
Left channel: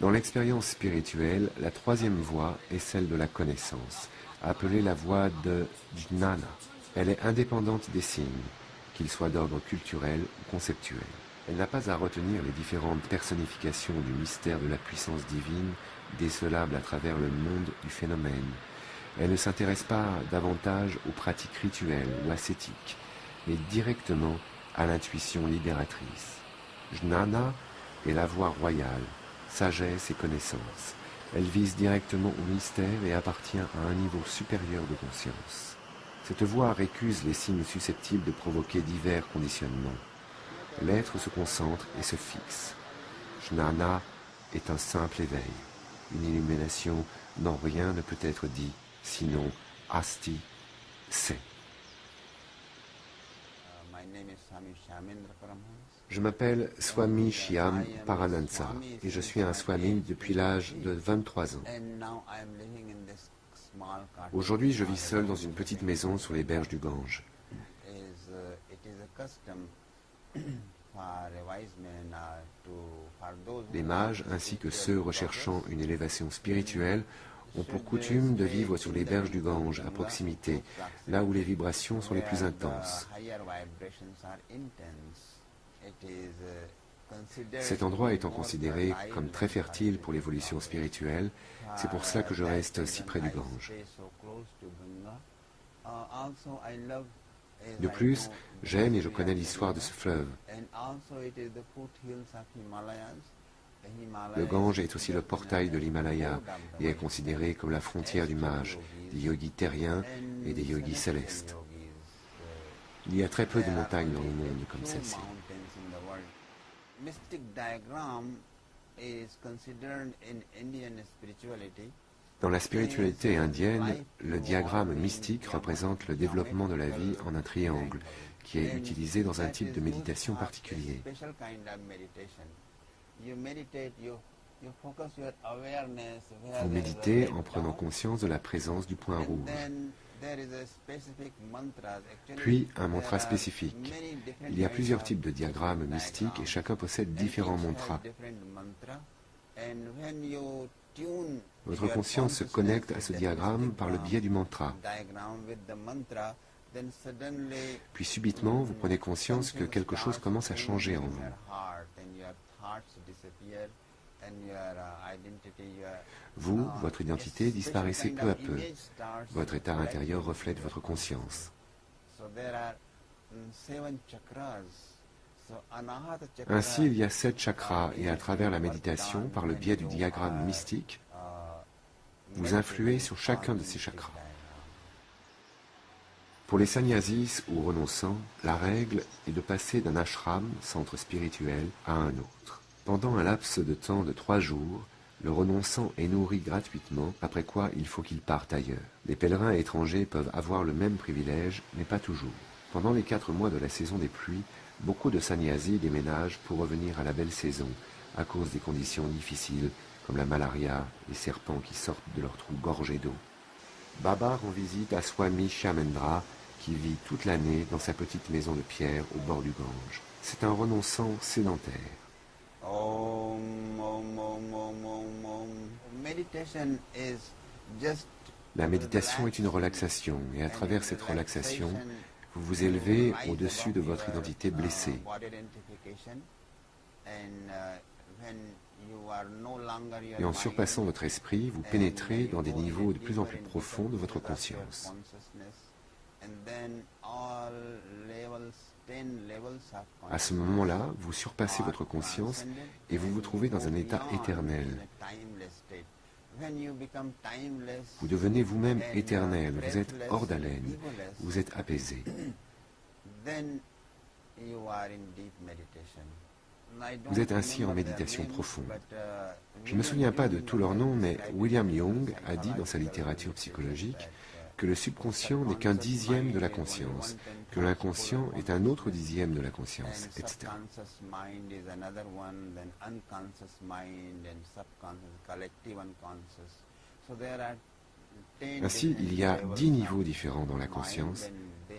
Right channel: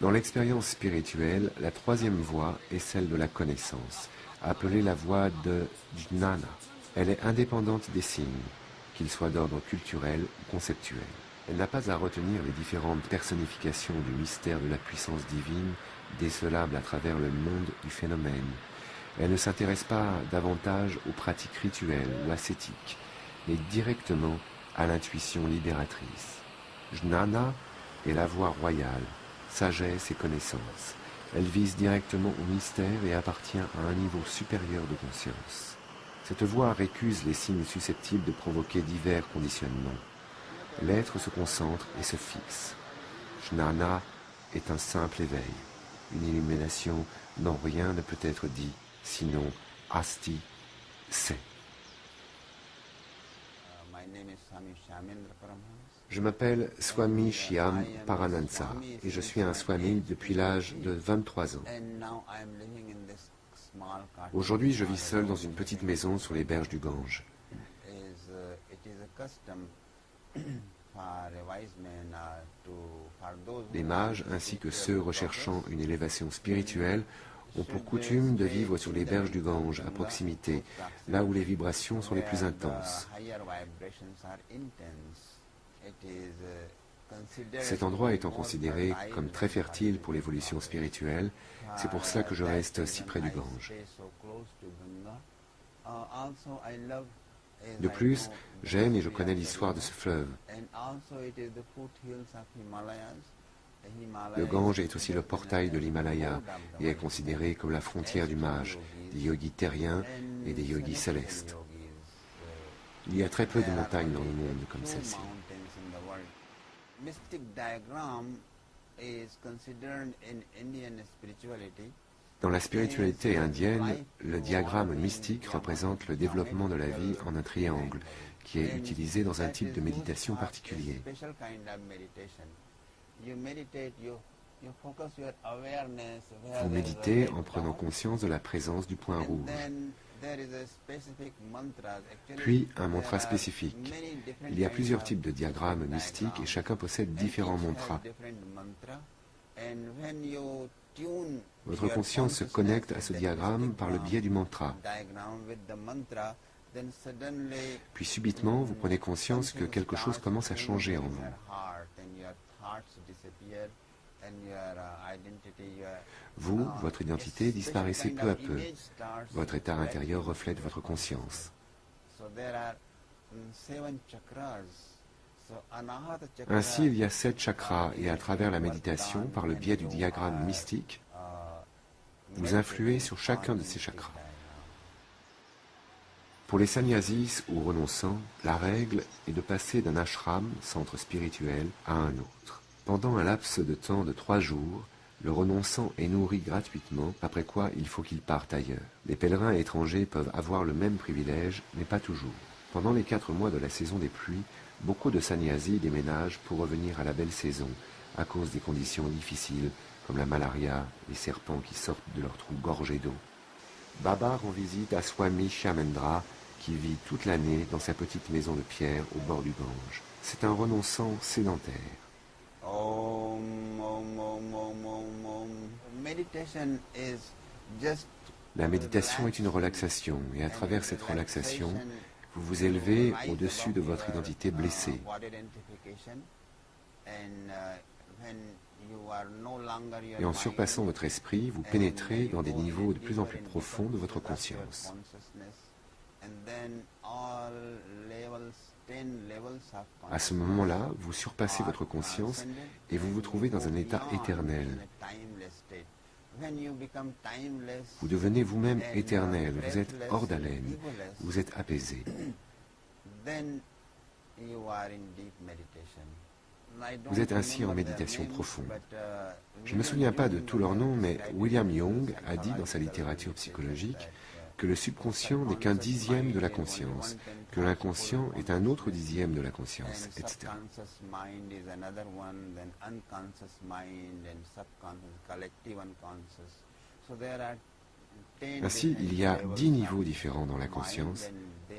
Dans l'expérience spirituelle, la troisième voie est celle de la connaissance, appelée la voie de Jnana. Elle est indépendante des signes, qu'ils soient d'ordre culturel ou conceptuel. Elle n'a pas à retenir les différentes personnifications du mystère de la puissance divine décelable à travers le monde du phénomène. Elle ne s'intéresse pas davantage aux pratiques rituelles ou ascétiques, mais directement à l'intuition libératrice. Jnana est la voie royale, sagesse et connaissance. Elle vise directement au mystère et appartient à un niveau supérieur de conscience. Cette voie récuse les signes susceptibles de provoquer divers conditionnements. L'être se concentre et se fixe. Jnana est un simple éveil, une illumination dont rien ne peut être dit, sinon Asti, c'est. Je m'appelle Swami Shyam Paranansa et je suis un Swami depuis l'âge de 23 ans. Aujourd'hui, je vis seul dans une petite maison sur les berges du Gange. Les mages, ainsi que ceux recherchant une élévation spirituelle, ont pour coutume de vivre sur les berges du Gange, à proximité, là où les vibrations sont les plus intenses. Cet endroit étant considéré comme très fertile pour l'évolution spirituelle, c'est pour cela que je reste si près du Gange. De plus, j'aime et je connais l'histoire de ce fleuve. Le Gange est aussi le portail de l'Himalaya et est considéré comme la frontière du mage, des yogis terriens et des yogis célestes. Il y a très peu de montagnes dans le monde comme celle-ci. Dans la spiritualité indienne, le diagramme mystique représente le développement de la vie en un triangle, qui est utilisé dans un type de méditation particulier. Vous méditez en prenant conscience de la présence du point rouge. Puis un mantra spécifique. Il y a plusieurs types de diagrammes mystiques et chacun possède différents mantras. Votre conscience se connecte à ce diagramme par le biais du mantra. Puis subitement, vous prenez conscience que quelque chose commence à changer en vous. Vous, votre identité disparaissez peu à peu. Votre état intérieur reflète votre conscience. Ainsi, il y a 7 chakras et à travers la méditation, par le biais du diagramme mystique, vous influez sur chacun de ces chakras. Pour les sannyasis ou renonçants, la règle est de passer d'un ashram, centre spirituel, à un autre. Pendant un laps de temps de 3 jours, le renonçant est nourri gratuitement, après quoi il faut qu'il parte ailleurs. Les pèlerins étrangers peuvent avoir le même privilège, mais pas toujours. Pendant les 4 mois de la saison des pluies, beaucoup de sannyasis déménagent pour revenir à la belle saison, à cause des conditions difficiles, comme la malaria, les serpents qui sortent de leurs trous gorgés d'eau. Baba rend visite à Swami Shamendra, qui vit toute l'année dans sa petite maison de pierre au bord du Gange. C'est un renonçant sédentaire. La méditation est une relaxation, et à travers cette relaxation, vous vous élevez au-dessus de votre identité blessée. Et en surpassant votre esprit, vous pénétrez dans des niveaux de plus en plus profonds de votre conscience. À ce moment-là, vous surpassez votre conscience et vous vous trouvez dans un état éternel. Vous devenez vous-même éternel, vous êtes hors d'haleine, vous êtes apaisé. Vous êtes ainsi en méditation profonde. Je ne me souviens pas de tous leurs noms, mais William Young a dit dans sa littérature psychologique que le subconscient n'est qu'un dixième de la conscience, que l'inconscient est un autre dixième de la conscience, etc. Ainsi, il y a 10 niveaux différents dans la conscience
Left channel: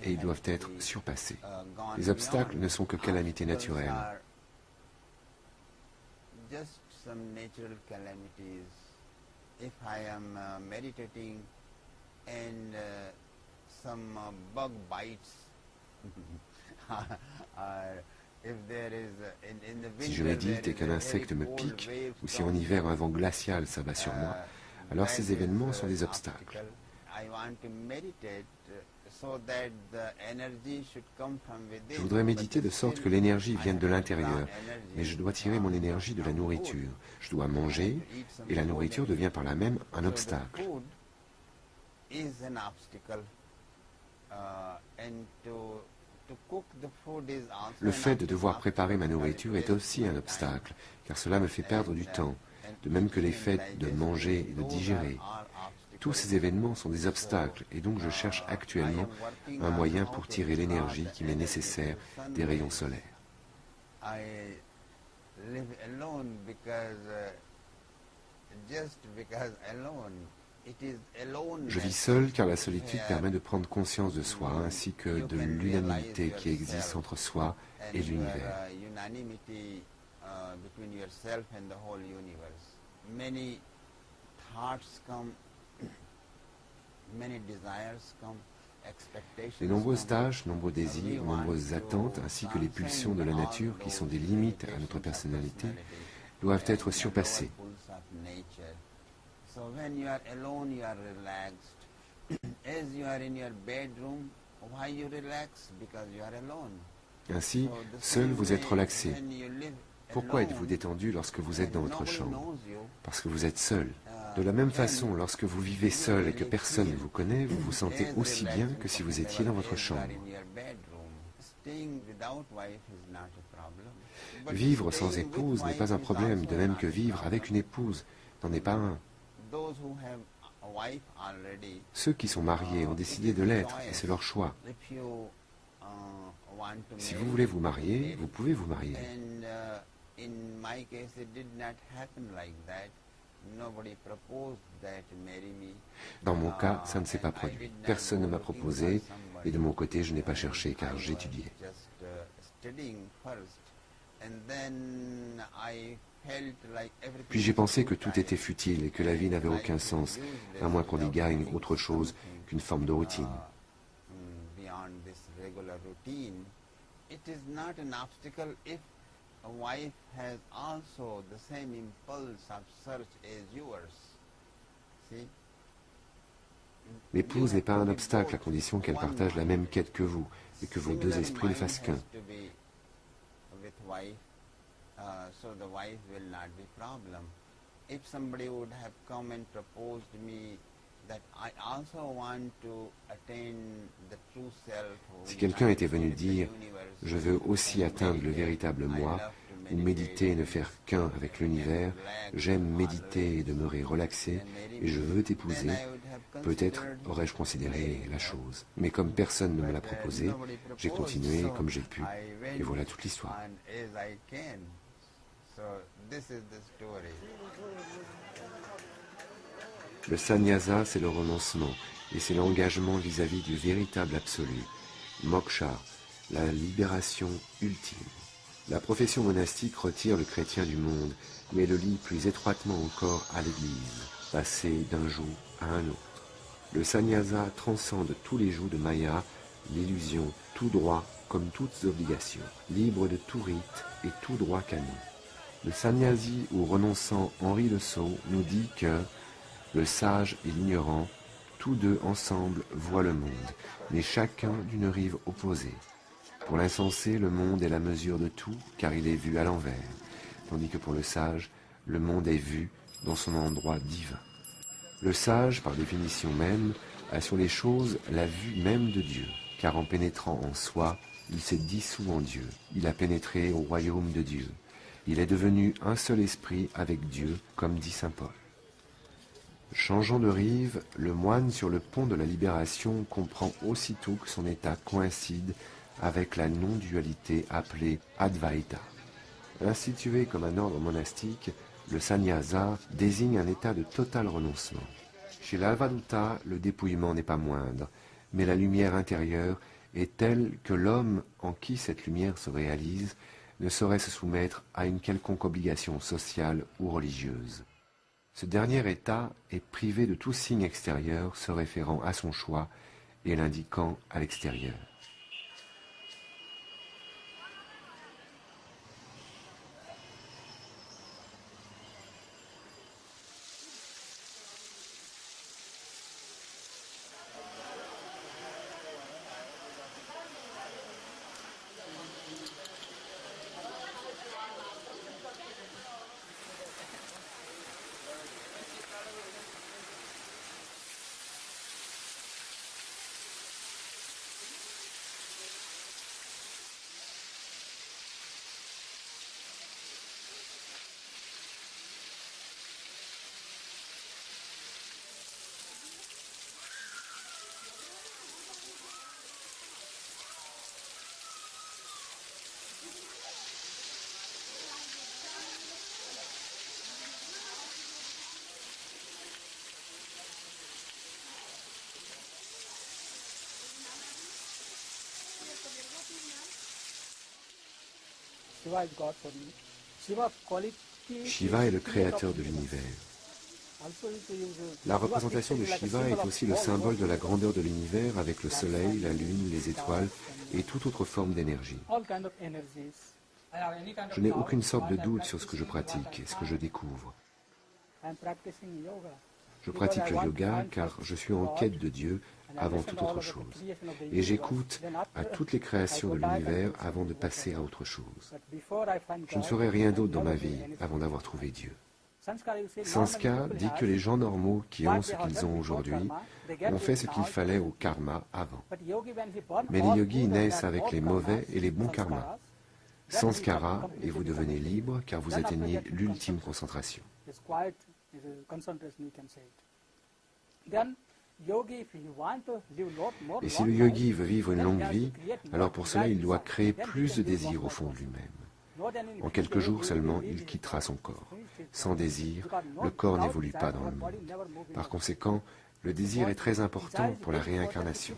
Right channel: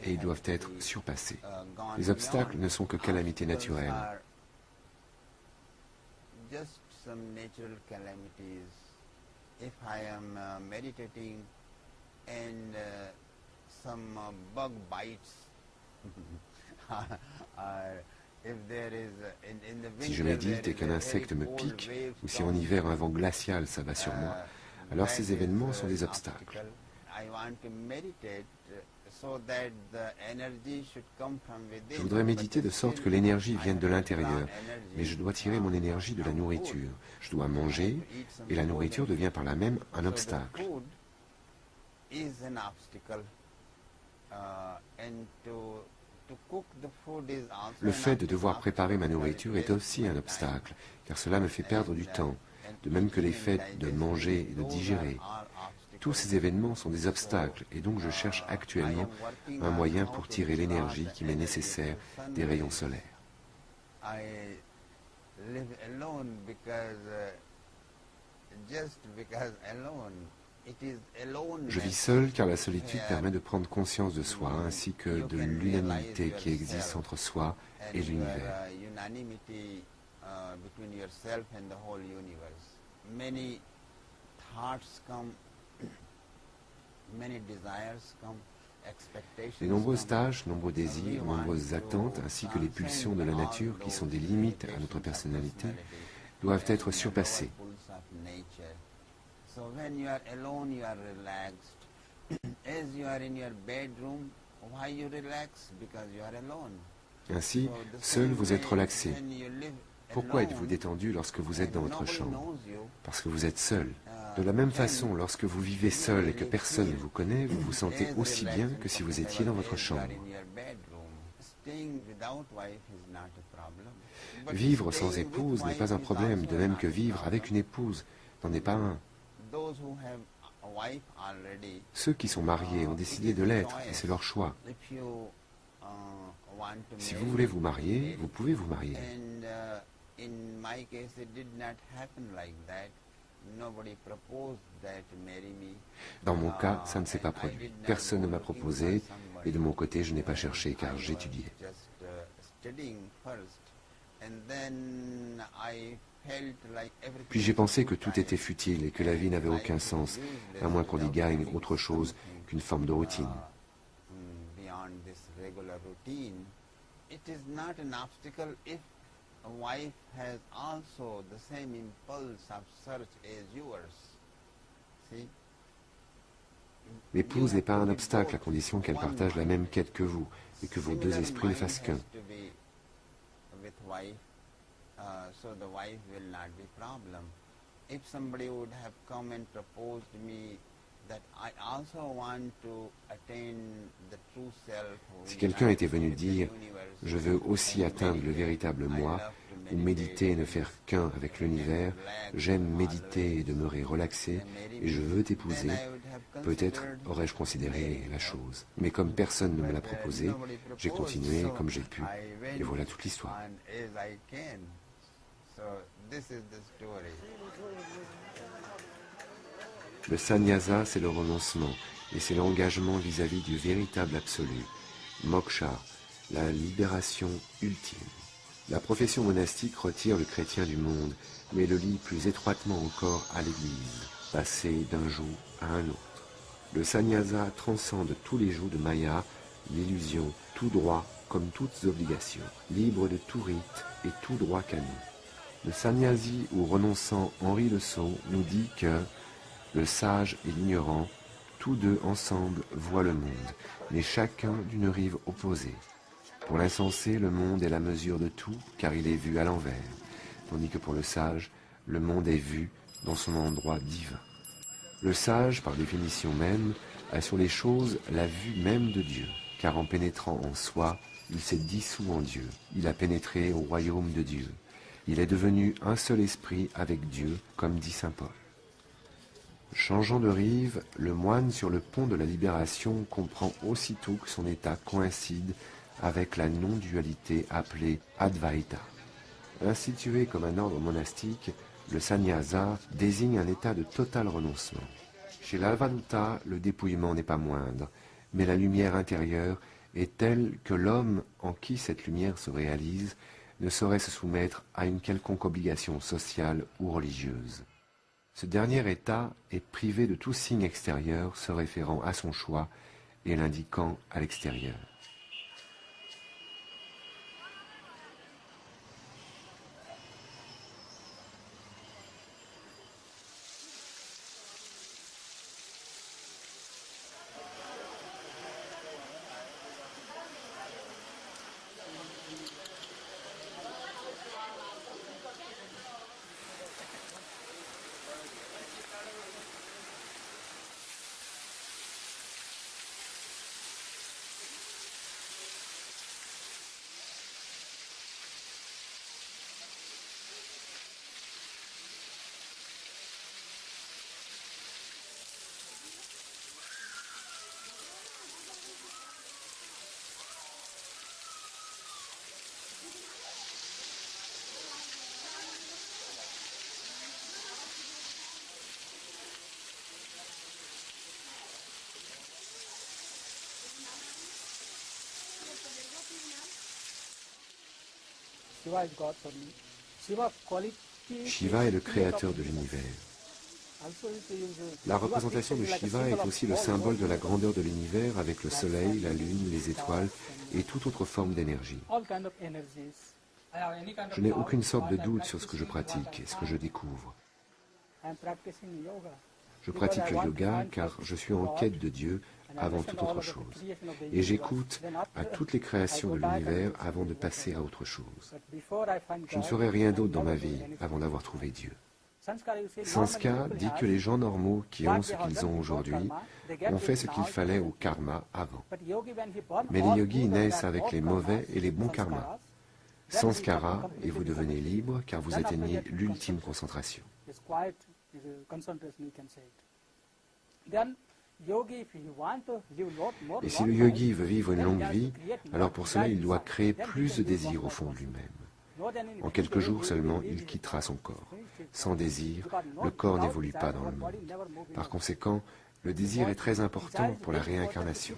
et ils doivent être surpassés. Les obstacles ne sont que calamités naturelles. And some bug bites. Si je médite et qu'un insecte me pique, ou si en hiver un vent glacial s'abat sur moi, alors ces événements sont des obstacles. Je voudrais méditer de sorte que l'énergie vienne de l'intérieur, mais je dois tirer mon énergie de la nourriture. Je dois manger, et la nourriture devient par là même un obstacle. Le fait de devoir préparer ma nourriture est aussi un obstacle, car cela me fait perdre du temps, de même que les faits de manger et de digérer. Tous ces événements sont des obstacles, et donc je cherche actuellement un moyen pour tirer l'énergie qui m'est nécessaire des rayons solaires. Je vis seul car la solitude permet de prendre conscience de soi ainsi que de l'unanimité qui existe entre soi et l'univers. Les nombreuses tâches, nombreux désirs, nombreuses attentes ainsi que les pulsions de la nature qui sont des limites à notre personnalité doivent être surpassées. So when you are alone, you are relaxed. As you are in your bedroom, why you relax? Because you are alone. Ainsi, seul vous êtes relaxé. Pourquoi êtes-vous détendu lorsque vous êtes dans votre chambre? Parce que vous êtes seul. De la même façon, lorsque vous vivez seul et que personne ne vous connaît, vous vous sentez aussi bien que si vous étiez dans votre chambre. Vivre sans épouse n'est pas un problème, de même que vivre avec une épouse n'en est pas un. Ceux qui sont mariés ont décidé de l'être et c'est leur choix. Si vous voulez vous marier, vous pouvez vous marier. Dans mon cas, ça ne s'est pas produit. Personne ne m'a proposé et de mon côté, je n'ai pas cherché car j'étudiais. Puis j'ai pensé que tout était futile et que la vie n'avait aucun sens, à moins qu'on y gagne autre chose qu'une forme de routine. routine, it is not an obstacle if a wife has also the same impulse of search as yours. See? L'épouse n'est pas un obstacle à condition qu'elle partage la même quête que vous et que vos deux esprits ne fassent qu'un. So the wife will not be problem. If somebody would have come and proposed me that I also want to attain the true self. Si quelqu'un était venu dire « Je veux aussi atteindre le véritable moi » ou méditer et ne faire qu'un avec l'univers, j'aime méditer et demeurer relaxé et je veux t'épouser, peut-être aurais-je considéré la chose. Mais comme personne ne me l'a proposé, j'ai continué comme j'ai pu et voilà toute l'histoire. Le sannyasa, c'est le renoncement et c'est l'engagement vis-à-vis du véritable absolu, moksha, la libération ultime. La profession monastique retire le chrétien du monde, mais le lie plus étroitement encore à l'Église, passer d'un joug à un autre. Le sannyasa transcende tous les jougs de Maya, l'illusion, tout droit comme toutes obligations, libre de tout rite et tout droit canon. Le sannyasi ou renonçant Henri Le Sceau nous dit que le sage et l'ignorant, tous deux ensemble voient le monde, mais chacun d'une rive opposée. Pour l'insensé, le monde est la mesure de tout, car il est vu à l'envers, tandis que pour le sage, le monde est vu dans son endroit divin. Le sage, par définition même, a sur les choses la vue même de Dieu, car en pénétrant en soi, il s'est dissous en Dieu, il a pénétré au royaume de Dieu. Il est devenu un seul esprit avec Dieu, comme dit saint Paul. Changeant de rive, le moine sur le pont de la libération comprend aussitôt que son état coïncide avec la non-dualité appelée Advaita. Institué comme un ordre monastique, le sannyasa désigne un état de total renoncement. Chez l'Avaduta, le dépouillement n'est pas moindre, mais la lumière intérieure est telle que l'homme en qui cette lumière se réalise ne saurait se soumettre à une quelconque obligation sociale ou religieuse. Ce dernier état est privé de tout signe extérieur se référant à son choix et l'indiquant à l'extérieur. Shiva est le créateur de l'univers. La représentation de Shiva est aussi le symbole de la grandeur de l'univers avec le soleil, la lune, les étoiles et toute autre forme d'énergie. Je n'ai aucune sorte de doute sur ce que je pratique et ce que je découvre. Je pratique le yoga car je suis en quête de Dieu avant toute autre chose. Et j'écoute à toutes les créations de l'univers avant de passer à autre chose. Je ne ferai rien d'autre dans ma vie avant d'avoir trouvé Dieu. Sanskar dit que les gens normaux qui ont ce qu'ils ont aujourd'hui ont fait ce qu'il fallait au karma avant. Mais les yogis naissent avec les mauvais et les bons karmas. Sanskara et vous devenez libre car vous atteignez l'ultime concentration. Et si le yogi veut vivre une longue vie, alors pour cela il doit créer plus de désir au fond de lui-même. En quelques jours seulement, il quittera son corps. Sans désir, le corps n'évolue pas dans le monde. Par conséquent, le désir est très important pour la réincarnation.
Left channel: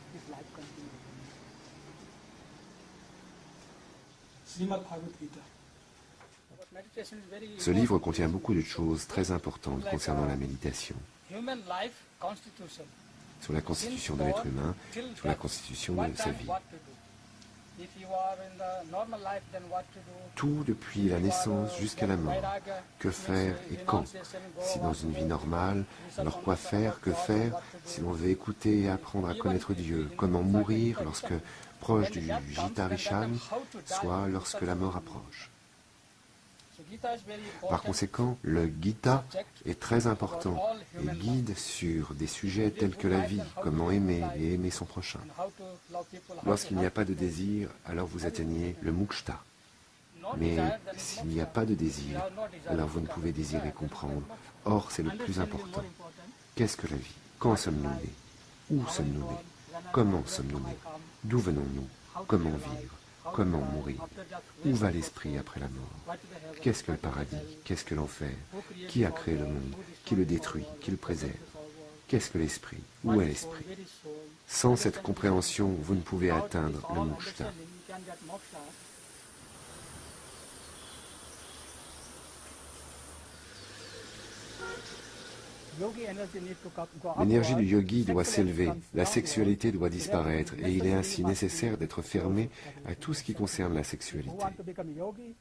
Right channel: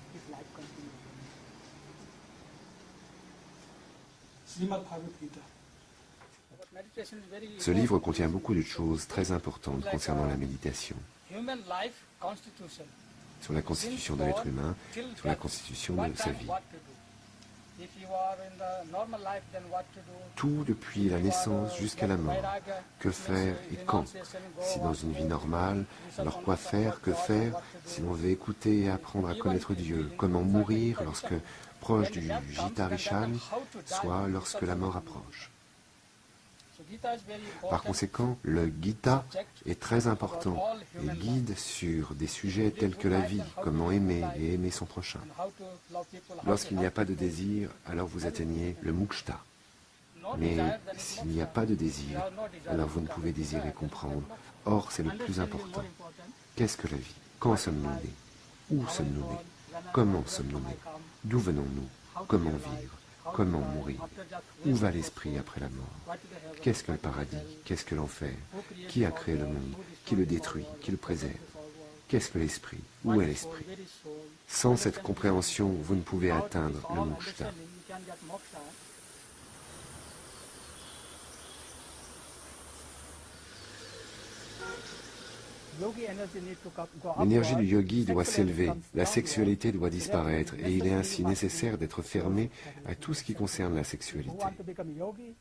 Ce livre contient beaucoup de choses très importantes concernant la méditation. Sur la constitution de l'être humain, sur la constitution de sa vie. Tout depuis la naissance jusqu'à la mort. Que faire et quand? Si dans une vie normale, alors quoi faire, que faire si l'on veut écouter et apprendre à connaître Dieu? Comment mourir lorsque proche du Gita Rishan, soit lorsque la mort approche? Par conséquent, le Gita est très important et guide sur des sujets tels que la vie, comment aimer et aimer son prochain. Lorsqu'il n'y a pas de désir, alors vous atteignez le Mukta. Mais s'il n'y a pas de désir, alors vous ne pouvez désirer comprendre. Or, c'est le plus important. Qu'est-ce que la vie? Quand sommes-nous nés? Où sommes-nous nés? Comment sommes-nous nés? D'où venons-nous? Comment vivre? Comment mourir? Où va l'esprit après la mort? Qu'est-ce que le paradis? Qu'est-ce que l'enfer? Qui a créé le monde? Qui le détruit? Qui le préserve? Qu'est-ce que l'esprit? Où est l'esprit? Sans cette compréhension, vous ne pouvez atteindre le Mukta. L'énergie du yogi doit s'élever, la sexualité doit disparaître et il est ainsi nécessaire d'être fermé à tout ce qui concerne la sexualité.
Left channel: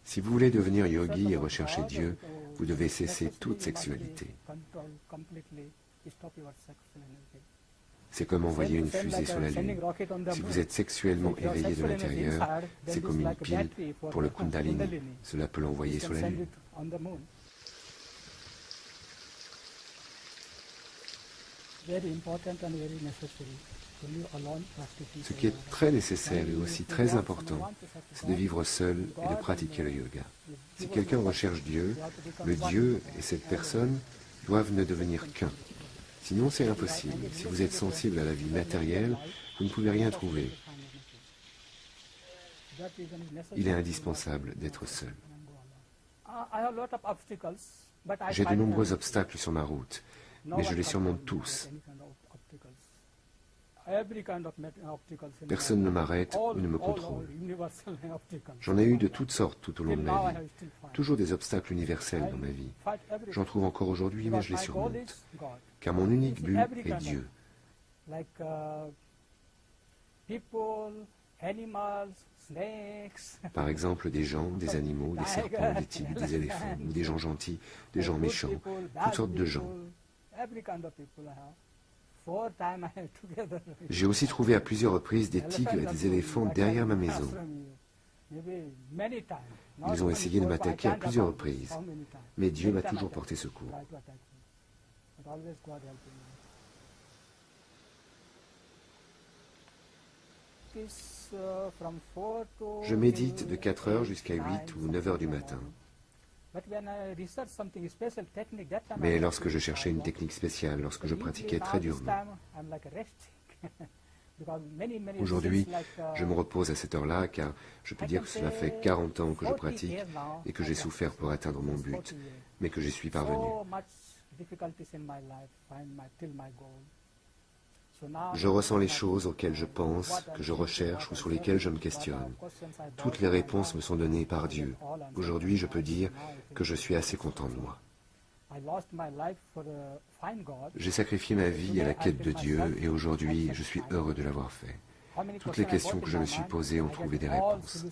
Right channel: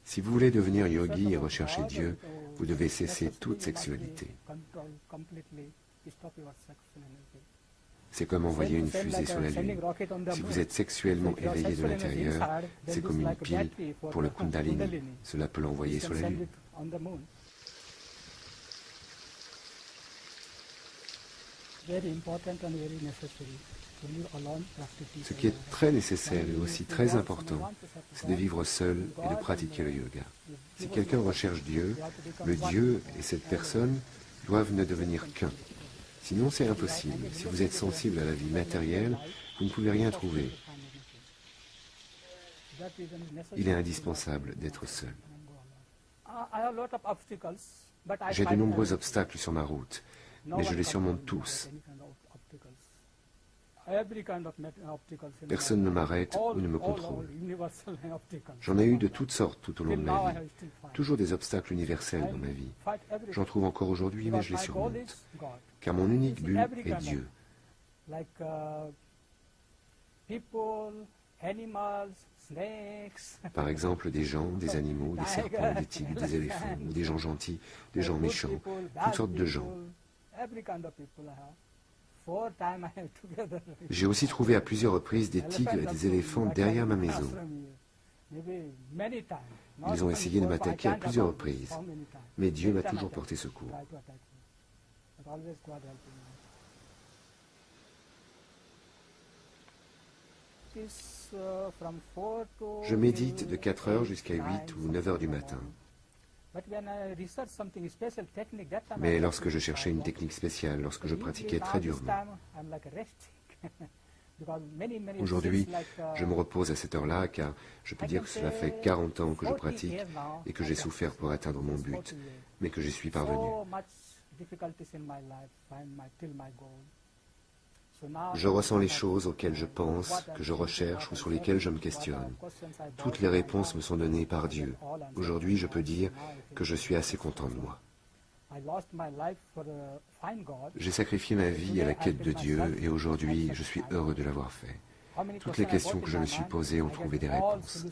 Si vous voulez devenir yogi et rechercher Dieu, vous devez cesser toute sexualité. C'est comme envoyer une fusée sur la Lune. Si vous êtes sexuellement éveillé de l'intérieur, c'est comme une pile pour le Kundalini. Cela peut l'envoyer sur la Lune. Ce qui est très nécessaire et aussi très important, c'est de vivre seul et de pratiquer le yoga. Si quelqu'un recherche Dieu, le Dieu et cette personne doivent ne devenir qu'un. Sinon, c'est impossible. Si vous êtes sensible à la vie matérielle, vous ne pouvez rien trouver. Il est indispensable d'être seul. J'ai de nombreux obstacles sur ma route, mais je les surmonte tous. Personne ne m'arrête ou ne me contrôle. J'en ai eu de toutes sortes tout au long de ma vie. Toujours des obstacles universels dans ma vie. J'en trouve encore aujourd'hui, mais je les surmonte. Car mon unique but est Dieu. Par exemple, des gens, des animaux, des serpents, des tigres, des éléphants, ou des gens gentils, des gens méchants, toutes sortes de gens. J'ai aussi trouvé à plusieurs reprises des tigres et des éléphants derrière ma maison. Ils ont essayé de m'attaquer à plusieurs reprises, mais Dieu m'a toujours porté secours. Je médite de 4 heures jusqu'à 8 ou 9 heures du matin. Mais lorsque je cherchais une technique spéciale, lorsque je pratiquais très durement, aujourd'hui, je me repose à cette heure-là car je peux dire que cela fait 40 ans que je pratique et que j'ai souffert pour atteindre mon but, mais que j'y suis parvenu. Je ressens les choses auxquelles je pense, que je recherche ou sur lesquelles je me questionne. Toutes les réponses me sont données par Dieu. Aujourd'hui, je peux dire que je suis assez content de moi. J'ai sacrifié ma vie à la quête de Dieu et aujourd'hui, je suis heureux de l'avoir fait. Toutes les questions que je me suis posées ont trouvé des réponses.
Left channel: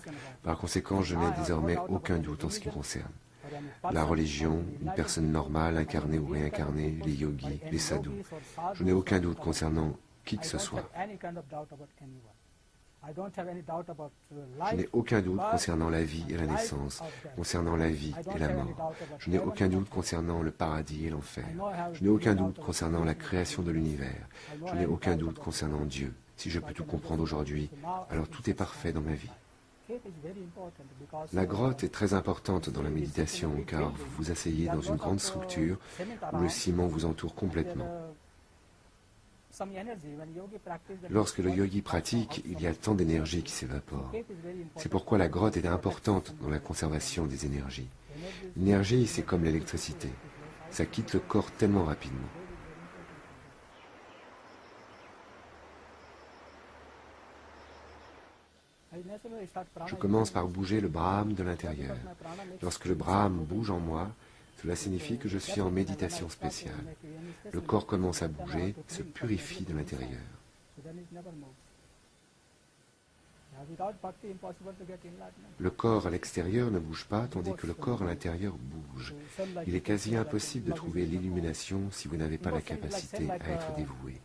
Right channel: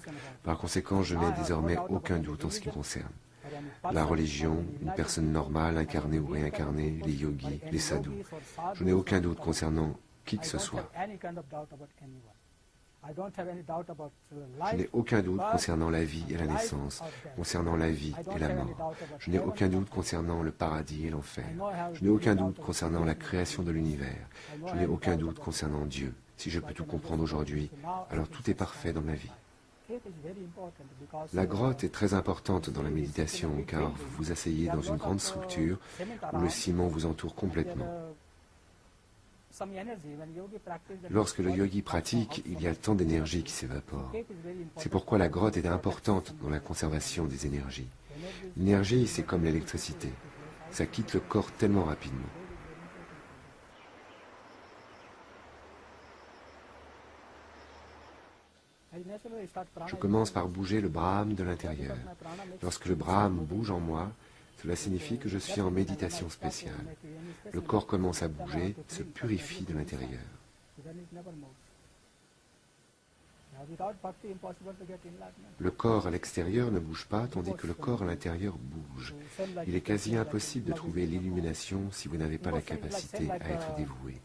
Par conséquent, je n'ai désormais aucun doute en ce qui concerne la religion, une personne normale, incarnée ou réincarnée, les yogis, les sadhus. Je n'ai aucun doute concernant qui que ce soit. Je n'ai aucun doute concernant la vie et la naissance, concernant la vie et la mort. Je n'ai aucun doute concernant le paradis et l'enfer. Je n'ai aucun doute concernant la création de l'univers. Je n'ai aucun doute concernant Dieu. Si je peux tout comprendre aujourd'hui, alors tout est parfait dans ma vie. La grotte est très importante dans la méditation car vous vous asseyez dans une grande structure où le ciment vous entoure complètement. Lorsque le yogi pratique, il y a le temps d'énergie qui s'évapore. C'est pourquoi la grotte est importante dans la conservation des énergies. L'énergie, c'est comme l'électricité. Ça quitte le corps tellement rapidement. Je commence par bouger le Brahman de l'intérieur. Lorsque le Brahman bouge en moi, cela signifie que je suis en méditation spéciale. Le corps commence à bouger, se purifie de l'intérieur. Le corps à l'extérieur ne bouge pas, tandis que le corps à l'intérieur bouge. Il est quasi impossible de trouver l'illumination si vous n'avez pas la capacité à être dévoué,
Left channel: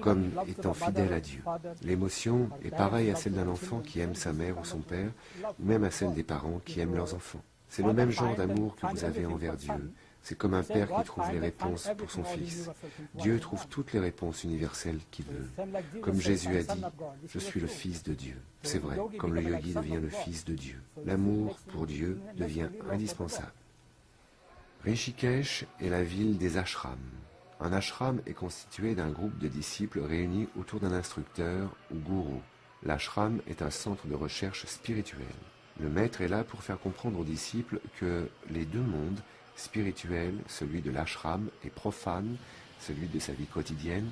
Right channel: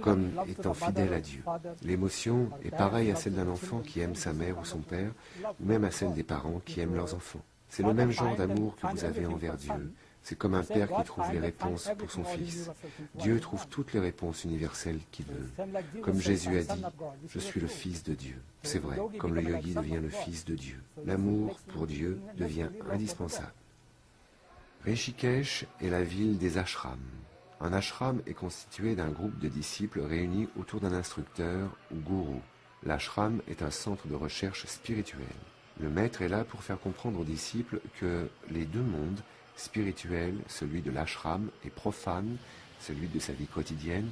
comme étant fidèle à Dieu. L'émotion est pareille à celle d'un enfant qui aime sa mère ou son père, ou même à celle des parents qui aiment leurs enfants. C'est le même genre d'amour que vous avez envers Dieu. C'est comme un père qui trouve les réponses pour son fils. Dieu trouve toutes les réponses universelles qu'il veut. Comme Jésus a dit, « Je suis le Fils de Dieu ». C'est vrai, comme le yogi devient le Fils de Dieu. L'amour pour Dieu devient indispensable. Rishikesh est la ville des ashrams. Un ashram est constitué d'un groupe de disciples réunis autour d'un instructeur ou gourou. L'ashram est un centre de recherche spirituelle. Le maître est là pour faire comprendre aux disciples que les deux mondes, spirituel, celui de l'ashram, et profane, celui de sa vie quotidienne,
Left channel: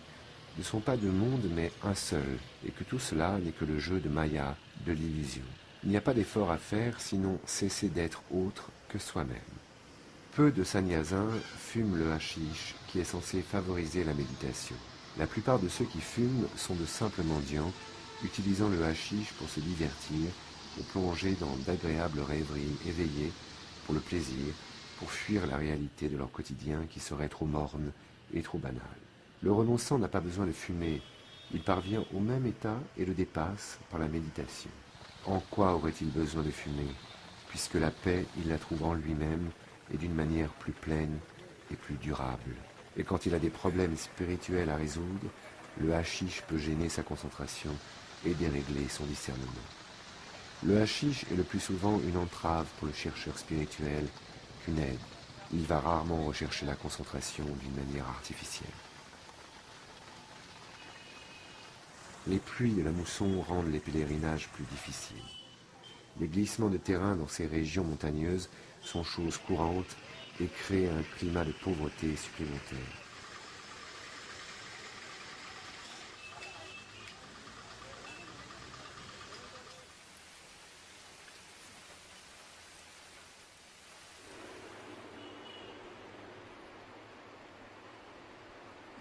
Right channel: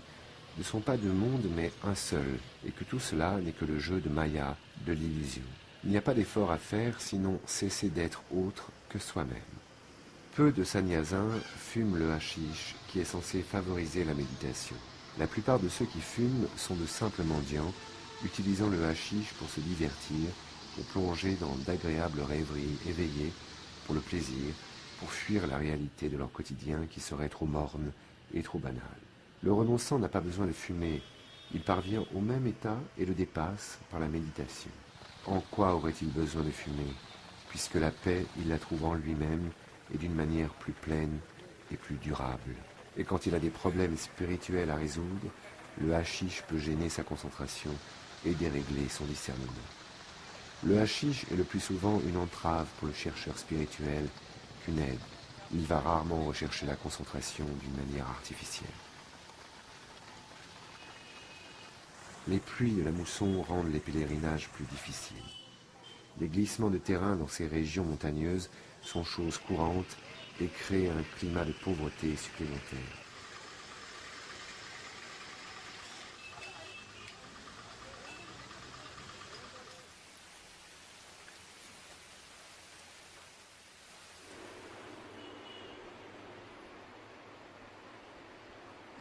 ne sont pas deux mondes mais un seul, et que tout cela n'est que le jeu de Maya, de l'illusion. Il n'y a pas d'effort à faire, sinon cesser d'être autre que soi-même. Peu de sannyasins fument le hashish, qui est censé favoriser la méditation. La plupart de ceux qui fument sont de simples mendiants, utilisant le hashish pour se divertir, ou plonger dans d'agréables rêveries éveillées pour le plaisir, pour fuir la réalité de leur quotidien qui serait trop morne et trop banale. Le renonçant n'a pas besoin de fumer, il parvient au même état et le dépasse par la méditation. En quoi aurait-il besoin de fumer, puisque la paix, il la trouve en lui-même et d'une manière plus pleine et plus durable. Et quand il a des problèmes spirituels à résoudre, le hashish peut gêner sa concentration et dérégler son discernement. Le hashish est le plus souvent une entrave pour le chercheur spirituel qu'une aide. Il va rarement rechercher la concentration d'une manière artificielle. Les pluies de la mousson rendent les pèlerinages plus difficiles. Les glissements de terrain dans ces régions montagneuses sont choses courantes et créent un climat de pauvreté supplémentaire.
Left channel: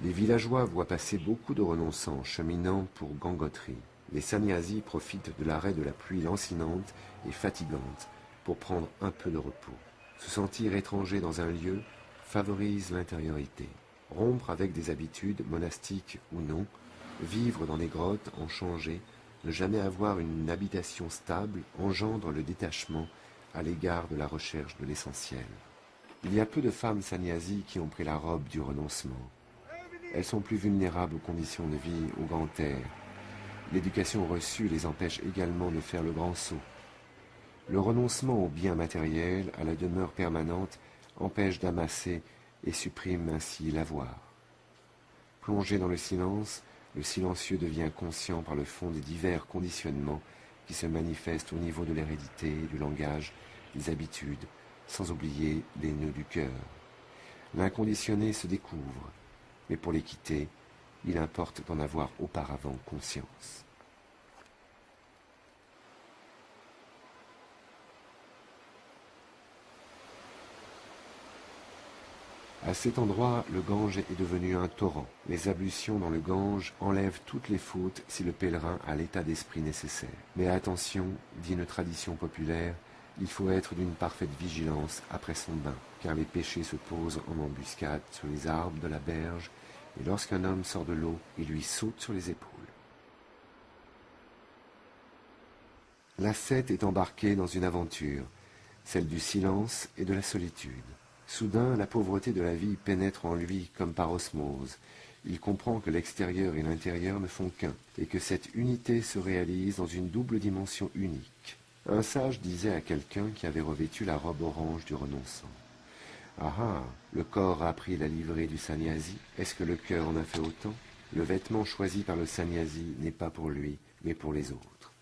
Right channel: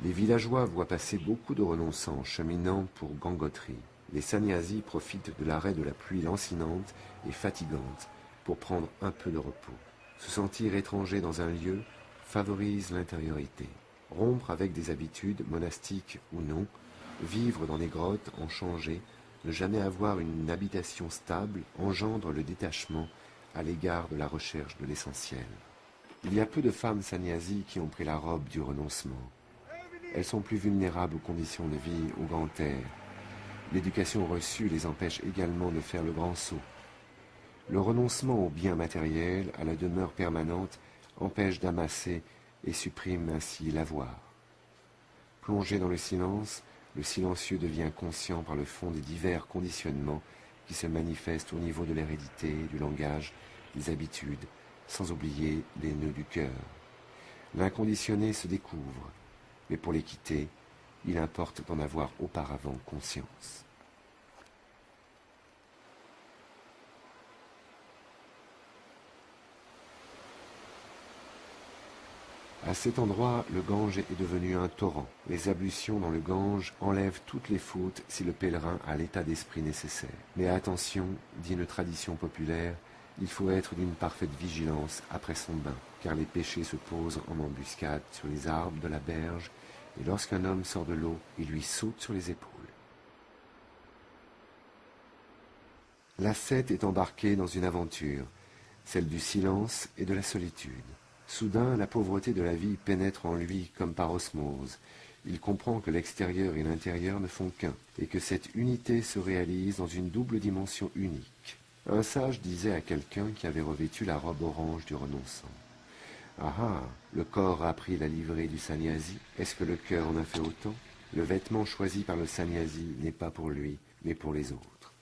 Les villageois voient passer beaucoup de renonçants cheminant pour Gangotri. Les sannyasis profitent de l'arrêt de la pluie lancinante et fatigante pour prendre un peu de repos. Se sentir étranger dans un lieu favorise l'intériorité. Rompre avec des habitudes, monastiques ou non, vivre dans des grottes en changer, ne jamais avoir une habitation stable engendre le détachement à l'égard de la recherche de l'essentiel. Il y a peu de femmes sannyasis qui ont pris la robe du renoncement. Elles sont plus vulnérables aux conditions de vie au grand air. L'éducation reçue les empêche également de faire le grand saut. Le renoncement aux biens matériels, à la demeure permanente, empêche d'amasser et supprime ainsi l'avoir. Plongé dans le silencieux devient conscient par le fond des divers conditionnements qui se manifestent au niveau de l'hérédité, du langage, des habitudes, sans oublier les nœuds du cœur. L'inconditionné se découvre, mais pour les quitter, il importe d'en avoir auparavant conscience. À cet endroit, le Gange est devenu un torrent. Les ablutions dans le Gange enlèvent toutes les fautes si le pèlerin a l'état d'esprit nécessaire. Mais attention, dit une tradition populaire, il faut être d'une parfaite vigilance après son bain, car les péchés se posent en embuscade sur les arbres de la berge, et lorsqu'un homme sort de l'eau, il lui saute sur les épaules. L'ascète est embarqué dans une aventure, celle du silence et de la solitude. Soudain, la pauvreté de la vie pénètre en lui comme par osmose. Il comprend que l'extérieur et l'intérieur ne font qu'un, et que cette unité se réalise dans une double dimension unique. Un sage disait à quelqu'un qui avait revêtu la robe orange du renonçant. « Ah ah, le corps a pris la livrée du sannyasi, est-ce que le cœur en a fait autant ? Le vêtement choisi par le sannyasi n'est pas pour lui, mais pour les autres.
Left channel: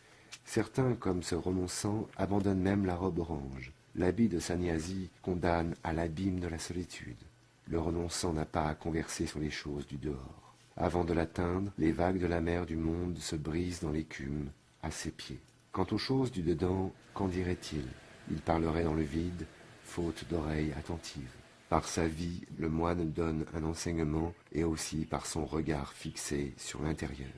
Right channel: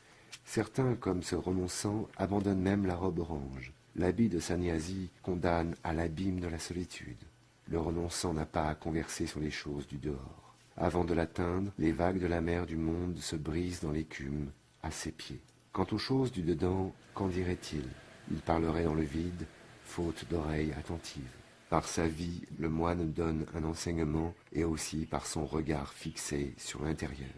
Certains, comme ce renonçant, abandonnent même la robe orange. L'habit de sannyasi condamne à l'abîme de la solitude. Le renonçant n'a pas à converser sur les choses du dehors. Avant de l'atteindre, les vagues de la mer du monde se brisent dans l'écume, à ses pieds. Quant aux choses du dedans, qu'en dirait-il ? Il parlerait dans le vide, faute d'oreilles attentives. Par sa vie, le moine donne un enseignement et aussi par son regard fixé sur l'intérieur.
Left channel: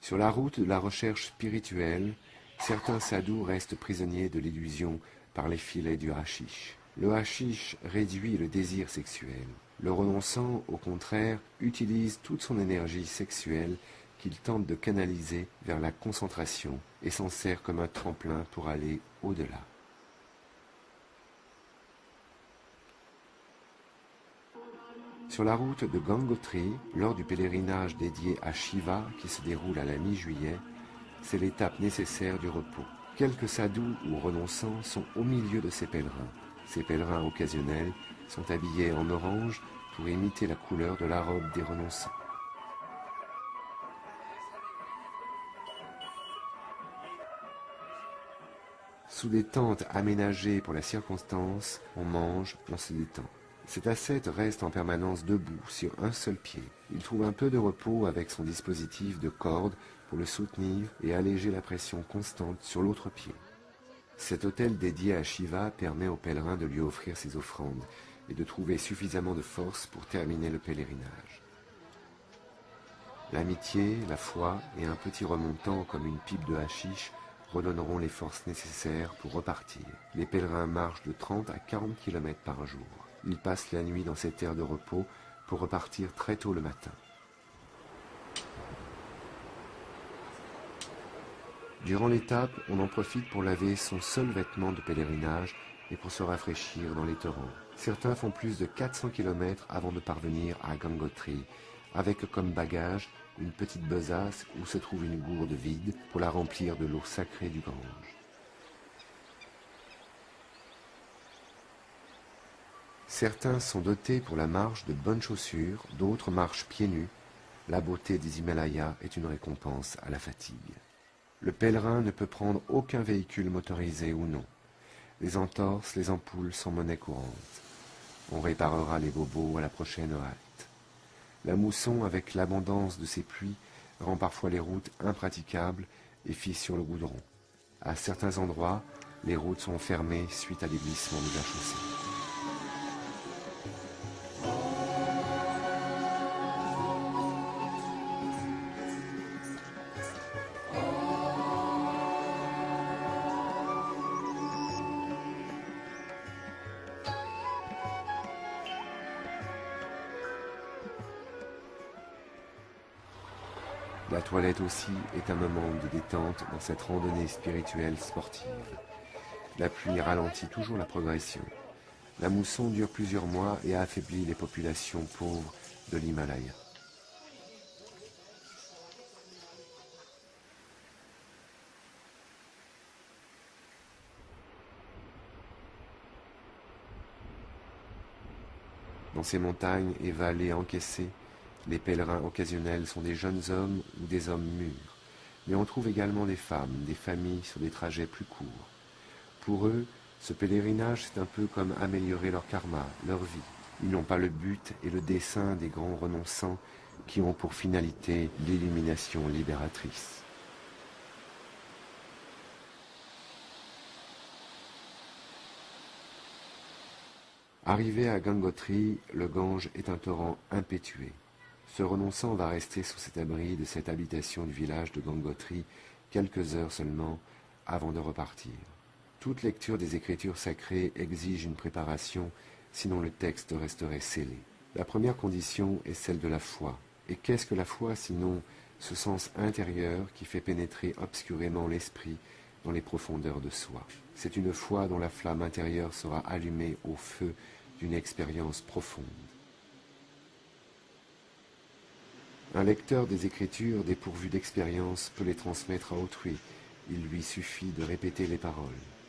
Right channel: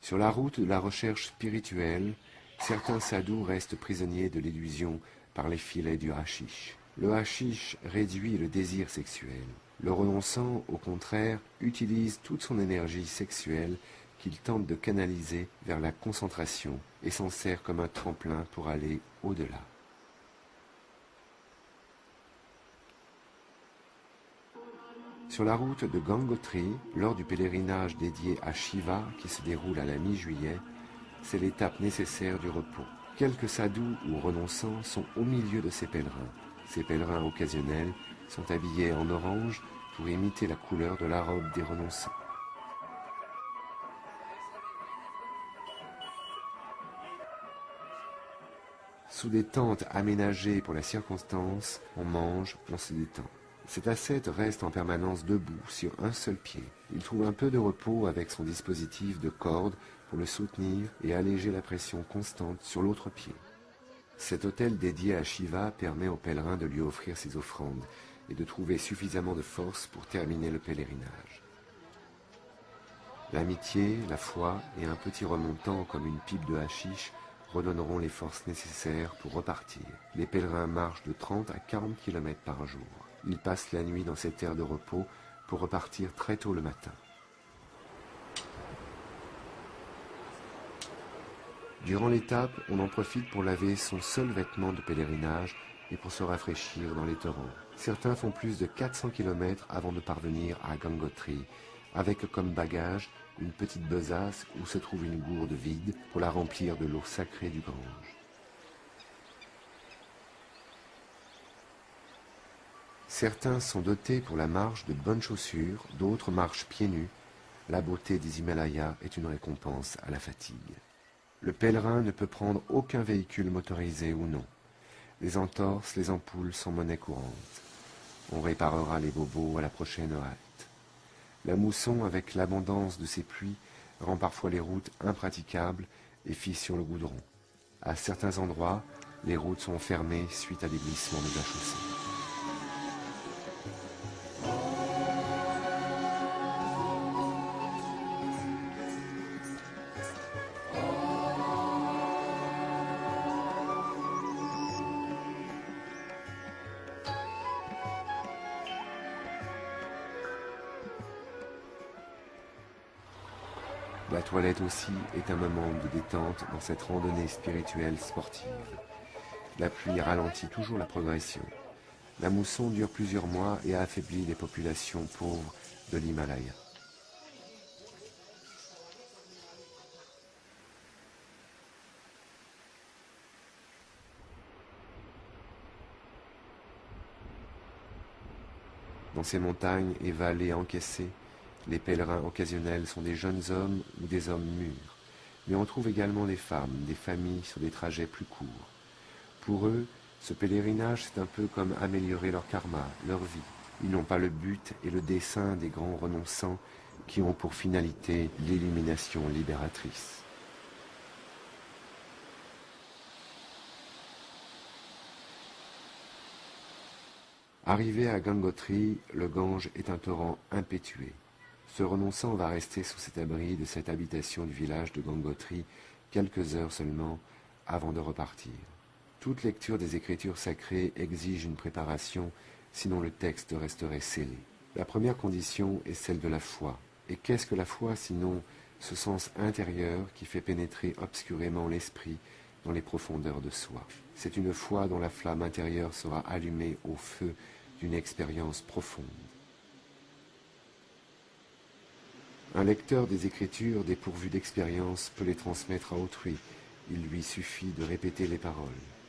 Sur la route de la recherche spirituelle, certains sadhus restent prisonniers de l'illusion par les filets du hashish. Le hashish réduit le désir sexuel. Le renonçant, au contraire, utilise toute son énergie sexuelle qu'il tente de canaliser vers la concentration et s'en sert comme un tremplin pour aller au-delà. Sur la route de Gangotri, lors du pèlerinage dédié à Shiva qui se déroule à la mi-juillet, c'est l'étape nécessaire du repos. Quelques sadhus ou renonçants sont au milieu de ces pèlerins. Ces pèlerins occasionnels sont habillés en orange pour imiter la couleur de la robe des renonçants. Sous des tentes aménagées pour la circonstance, on mange, on se détend. Cet ascète reste en permanence debout sur un seul pied. Il trouve un peu de repos avec son dispositif de corde pour le soutenir et alléger la pression constante sur l'autre pied. Cet autel dédié à Shiva permet aux pèlerins de lui offrir ses offrandes et de trouver suffisamment de force pour terminer le pèlerinage. L'amitié, la foi et un petit remontant comme une pipe de hashish redonneront les forces nécessaires pour repartir. Les pèlerins marchent de 30 à 40 km par jour. Ils passent la nuit dans cette aire de repos pour repartir très tôt le matin. Durant l'étape, on en profite pour laver son seul vêtement de pèlerinage et pour se rafraîchir dans les torrents. Certains font plus de 400 km avant de parvenir à Gangotri, avec comme bagage une petite besace où se trouve une gourde vide pour la remplir de l'eau sacrée du Gange. Certains sont dotés pour la marche de bonnes chaussures, d'autres marchent pieds nus. La beauté des Himalayas est une récompense à la fatigue. Le pèlerin ne peut prendre aucun véhicule motorisé ou non. Les entorses, les ampoules sont monnaie courante. On réparera les bobos à la prochaine halte. La mousson, avec l'abondance de ses pluies, rend parfois les routes impraticables et fisse sur le goudron. À certains endroits, les routes sont fermées suite à des glissements de la chaussée. La toilette aussi est un moment de détente dans cette randonnée spirituelle sportive. La pluie ralentit toujours la progression. La mousson dure plusieurs mois et affaiblit les populations pauvres de l'Himalaya. Dans ces montagnes et vallées encaissées, les pèlerins occasionnels sont des jeunes hommes ou des hommes mûrs, mais on trouve également des femmes, des familles sur des trajets plus courts. Pour eux, ce pèlerinage, c'est un peu comme améliorer leur karma, leur vie. Ils n'ont pas le but et le dessein des grands renonçants qui ont pour finalité l'illumination libératrice. Arrivé à Gangotri, le Gange est un torrent impétueux. Ce renonçant va rester sous cet abri de cette habitation du village de Gangotri quelques heures seulement avant de repartir. Toute lecture des écritures sacrées exige une préparation, sinon le texte resterait scellé. La première condition est celle de la foi. Et qu'est-ce que la foi sinon ce sens intérieur qui fait pénétrer obscurément l'esprit dans les profondeurs de soi? C'est une foi dont la flamme intérieure sera allumée au feu d'une expérience profonde. Un lecteur des Écritures dépourvu d'expérience peut les transmettre à autrui. Il lui suffit de répéter les paroles.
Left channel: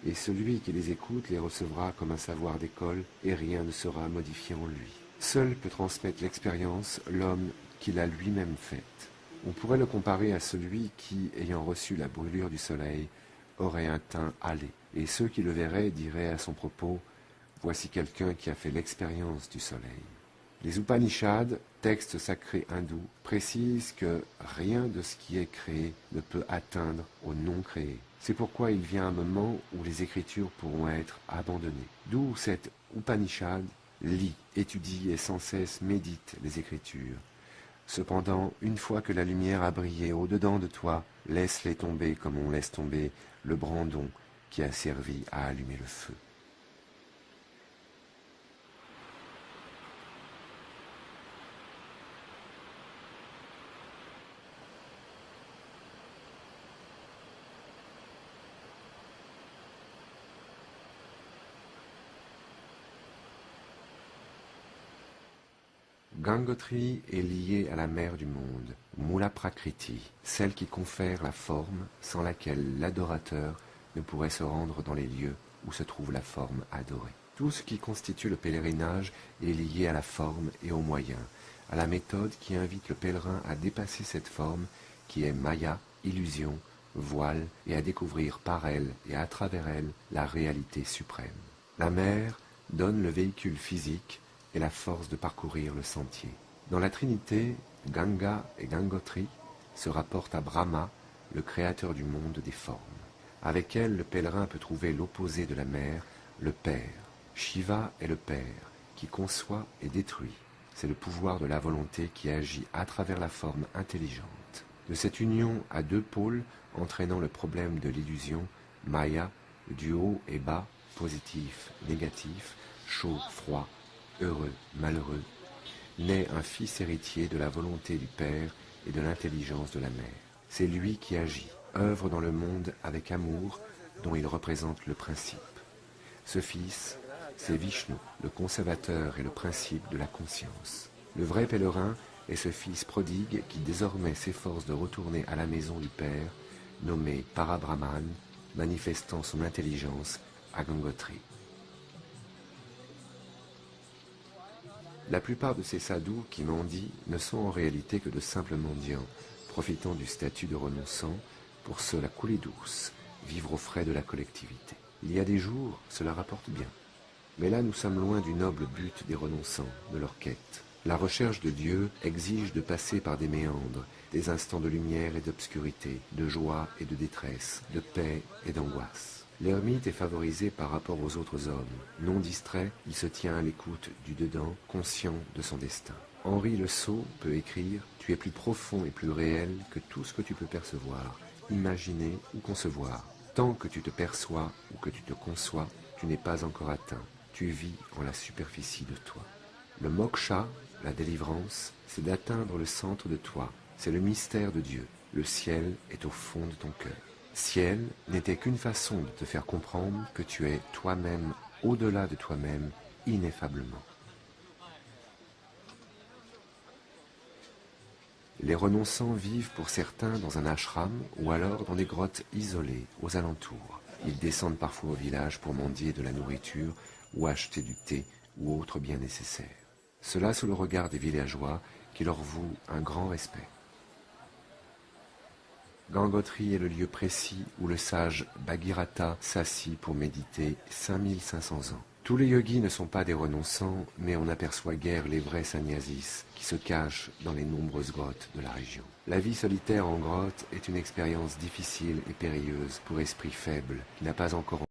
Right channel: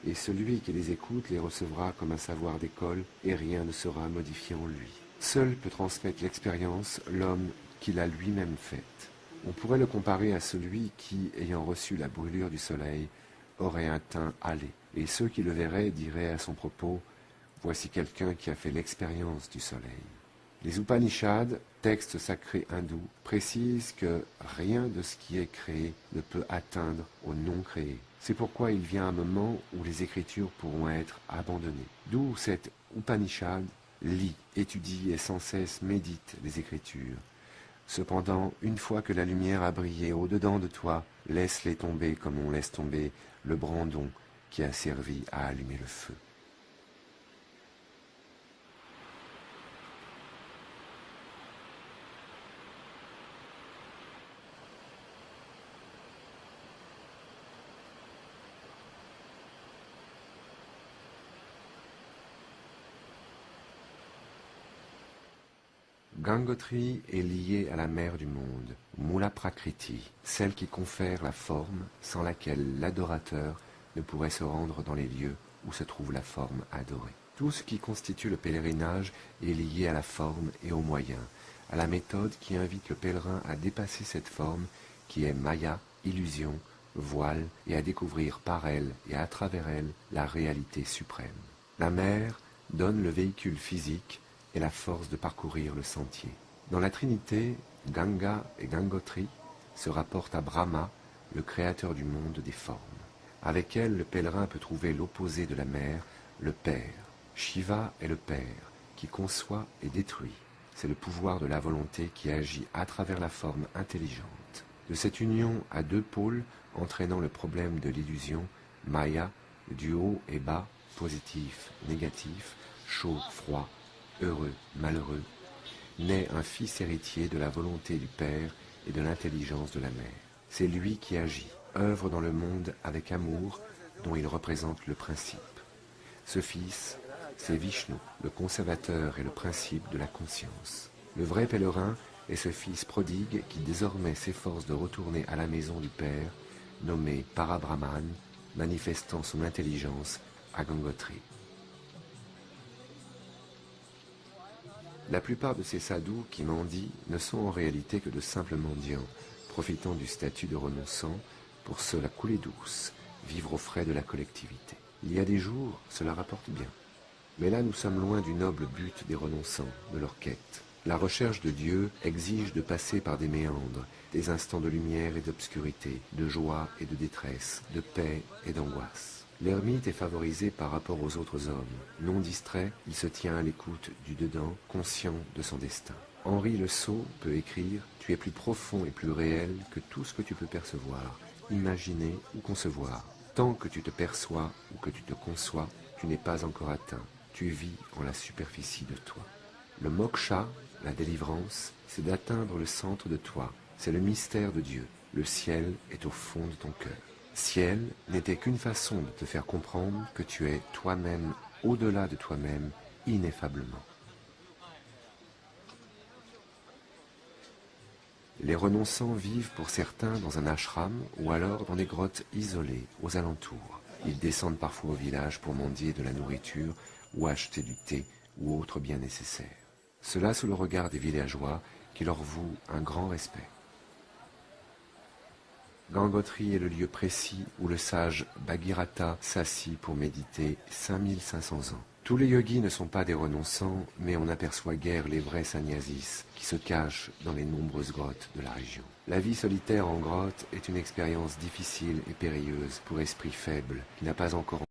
Et celui qui les écoute les recevra comme un savoir d'école et rien ne sera modifié en lui. Seul peut transmettre l'expérience l'homme qui l'a lui-même faite. On pourrait le comparer à celui qui, ayant reçu la brûlure du soleil, aurait un teint hâlé. Et ceux qui le verraient diraient à son propos « Voici quelqu'un qui a fait l'expérience du soleil ». Les Upanishads, textes sacrés hindous, précisent que rien de ce qui est créé ne peut atteindre au non créé. C'est pourquoi il vient un moment où les écritures pourront être abandonnées. D'où cet Upanishad lit, étudie et sans cesse médite les écritures. Cependant, une fois que la lumière a brillé au-dedans de toi, laisse-les tomber comme on laisse tomber le brandon qui a servi à allumer le feu. Gangotri est liée à la mère du monde, Mula Prakriti, celle qui confère la forme sans laquelle l'adorateur ne pourrait se rendre dans les lieux où se trouve la forme adorée. Tout ce qui constitue le pèlerinage est lié à la forme et aux moyens, à la méthode qui invite le pèlerin à dépasser cette forme qui est Maya, illusion, voile, et à découvrir par elle et à travers elle la réalité suprême. La mère donne le véhicule physique et la force de parcourir le sentier. Dans la Trinité, Ganga et Gangotri se rapportent à Brahma, le créateur du monde des formes. Avec elle, le pèlerin peut trouver l'opposé de la mère, le Père. Shiva est le Père, qui conçoit et détruit. C'est le pouvoir de la volonté qui agit à travers la forme intelligente. De cette union à deux pôles, entraînant le problème de l'illusion, Maya, du haut et bas, positif, négatif, chaud, froid, heureux, malheureux, naît un fils héritier de la volonté du Père et de l'intelligence de la mère. C'est lui qui agit, œuvre dans le monde avec amour, dont il représente le principe. Ce fils, c'est Vishnu, le conservateur et le principe de la conscience. Le vrai pèlerin est ce fils prodigue qui désormais s'efforce de retourner à la maison du Père, nommé Parabrahman, manifestant son intelligence à Gangotri. La plupart de ces sadhus qui mendient ne sont en réalité que de simples mendiants, profitant du statut de renonçant pour se la couler douce, vivre aux frais de la collectivité. Il y a des jours, cela rapporte bien. Mais là, nous sommes loin du noble but des renonçants, de leur quête. La recherche de Dieu exige de passer par des méandres, des instants de lumière et d'obscurité, de joie et de détresse, de paix et d'angoisse. L'ermite est favorisé par rapport aux autres hommes. Non distrait, il se tient à l'écoute du dedans, conscient de son destin. Henri Le Sceau peut écrire « Tu es plus profond et plus réel que tout ce que tu peux percevoir, imaginer ou concevoir. Tant que tu te perçois ou que tu te conçois, tu n'es pas encore atteint. Tu vis en la superficie de toi. » Le moksha, la délivrance, c'est d'atteindre le centre de toi. C'est le mystère de Dieu. Le ciel est au fond de ton cœur. Ciel n'était qu'une façon de te faire comprendre que tu es toi-même, au-delà de toi-même, ineffablement. Les renonçants vivent pour certains dans un ashram ou alors dans des grottes isolées aux alentours. Ils descendent parfois au village pour mendier de la nourriture ou acheter du thé ou autre bien nécessaire. Cela sous le regard des villageois qui leur vouent un grand respect. Gangotri est le lieu précis où le sage Bhagirata s'assit pour méditer 5500 ans. Tous les yogis ne sont pas des renonçants, mais on n'aperçoit guère les vrais sannyasis qui se cachent dans les nombreuses grottes de la région. La vie solitaire en grotte est une expérience difficile et périlleuse pour esprit faible qui n'a pas encore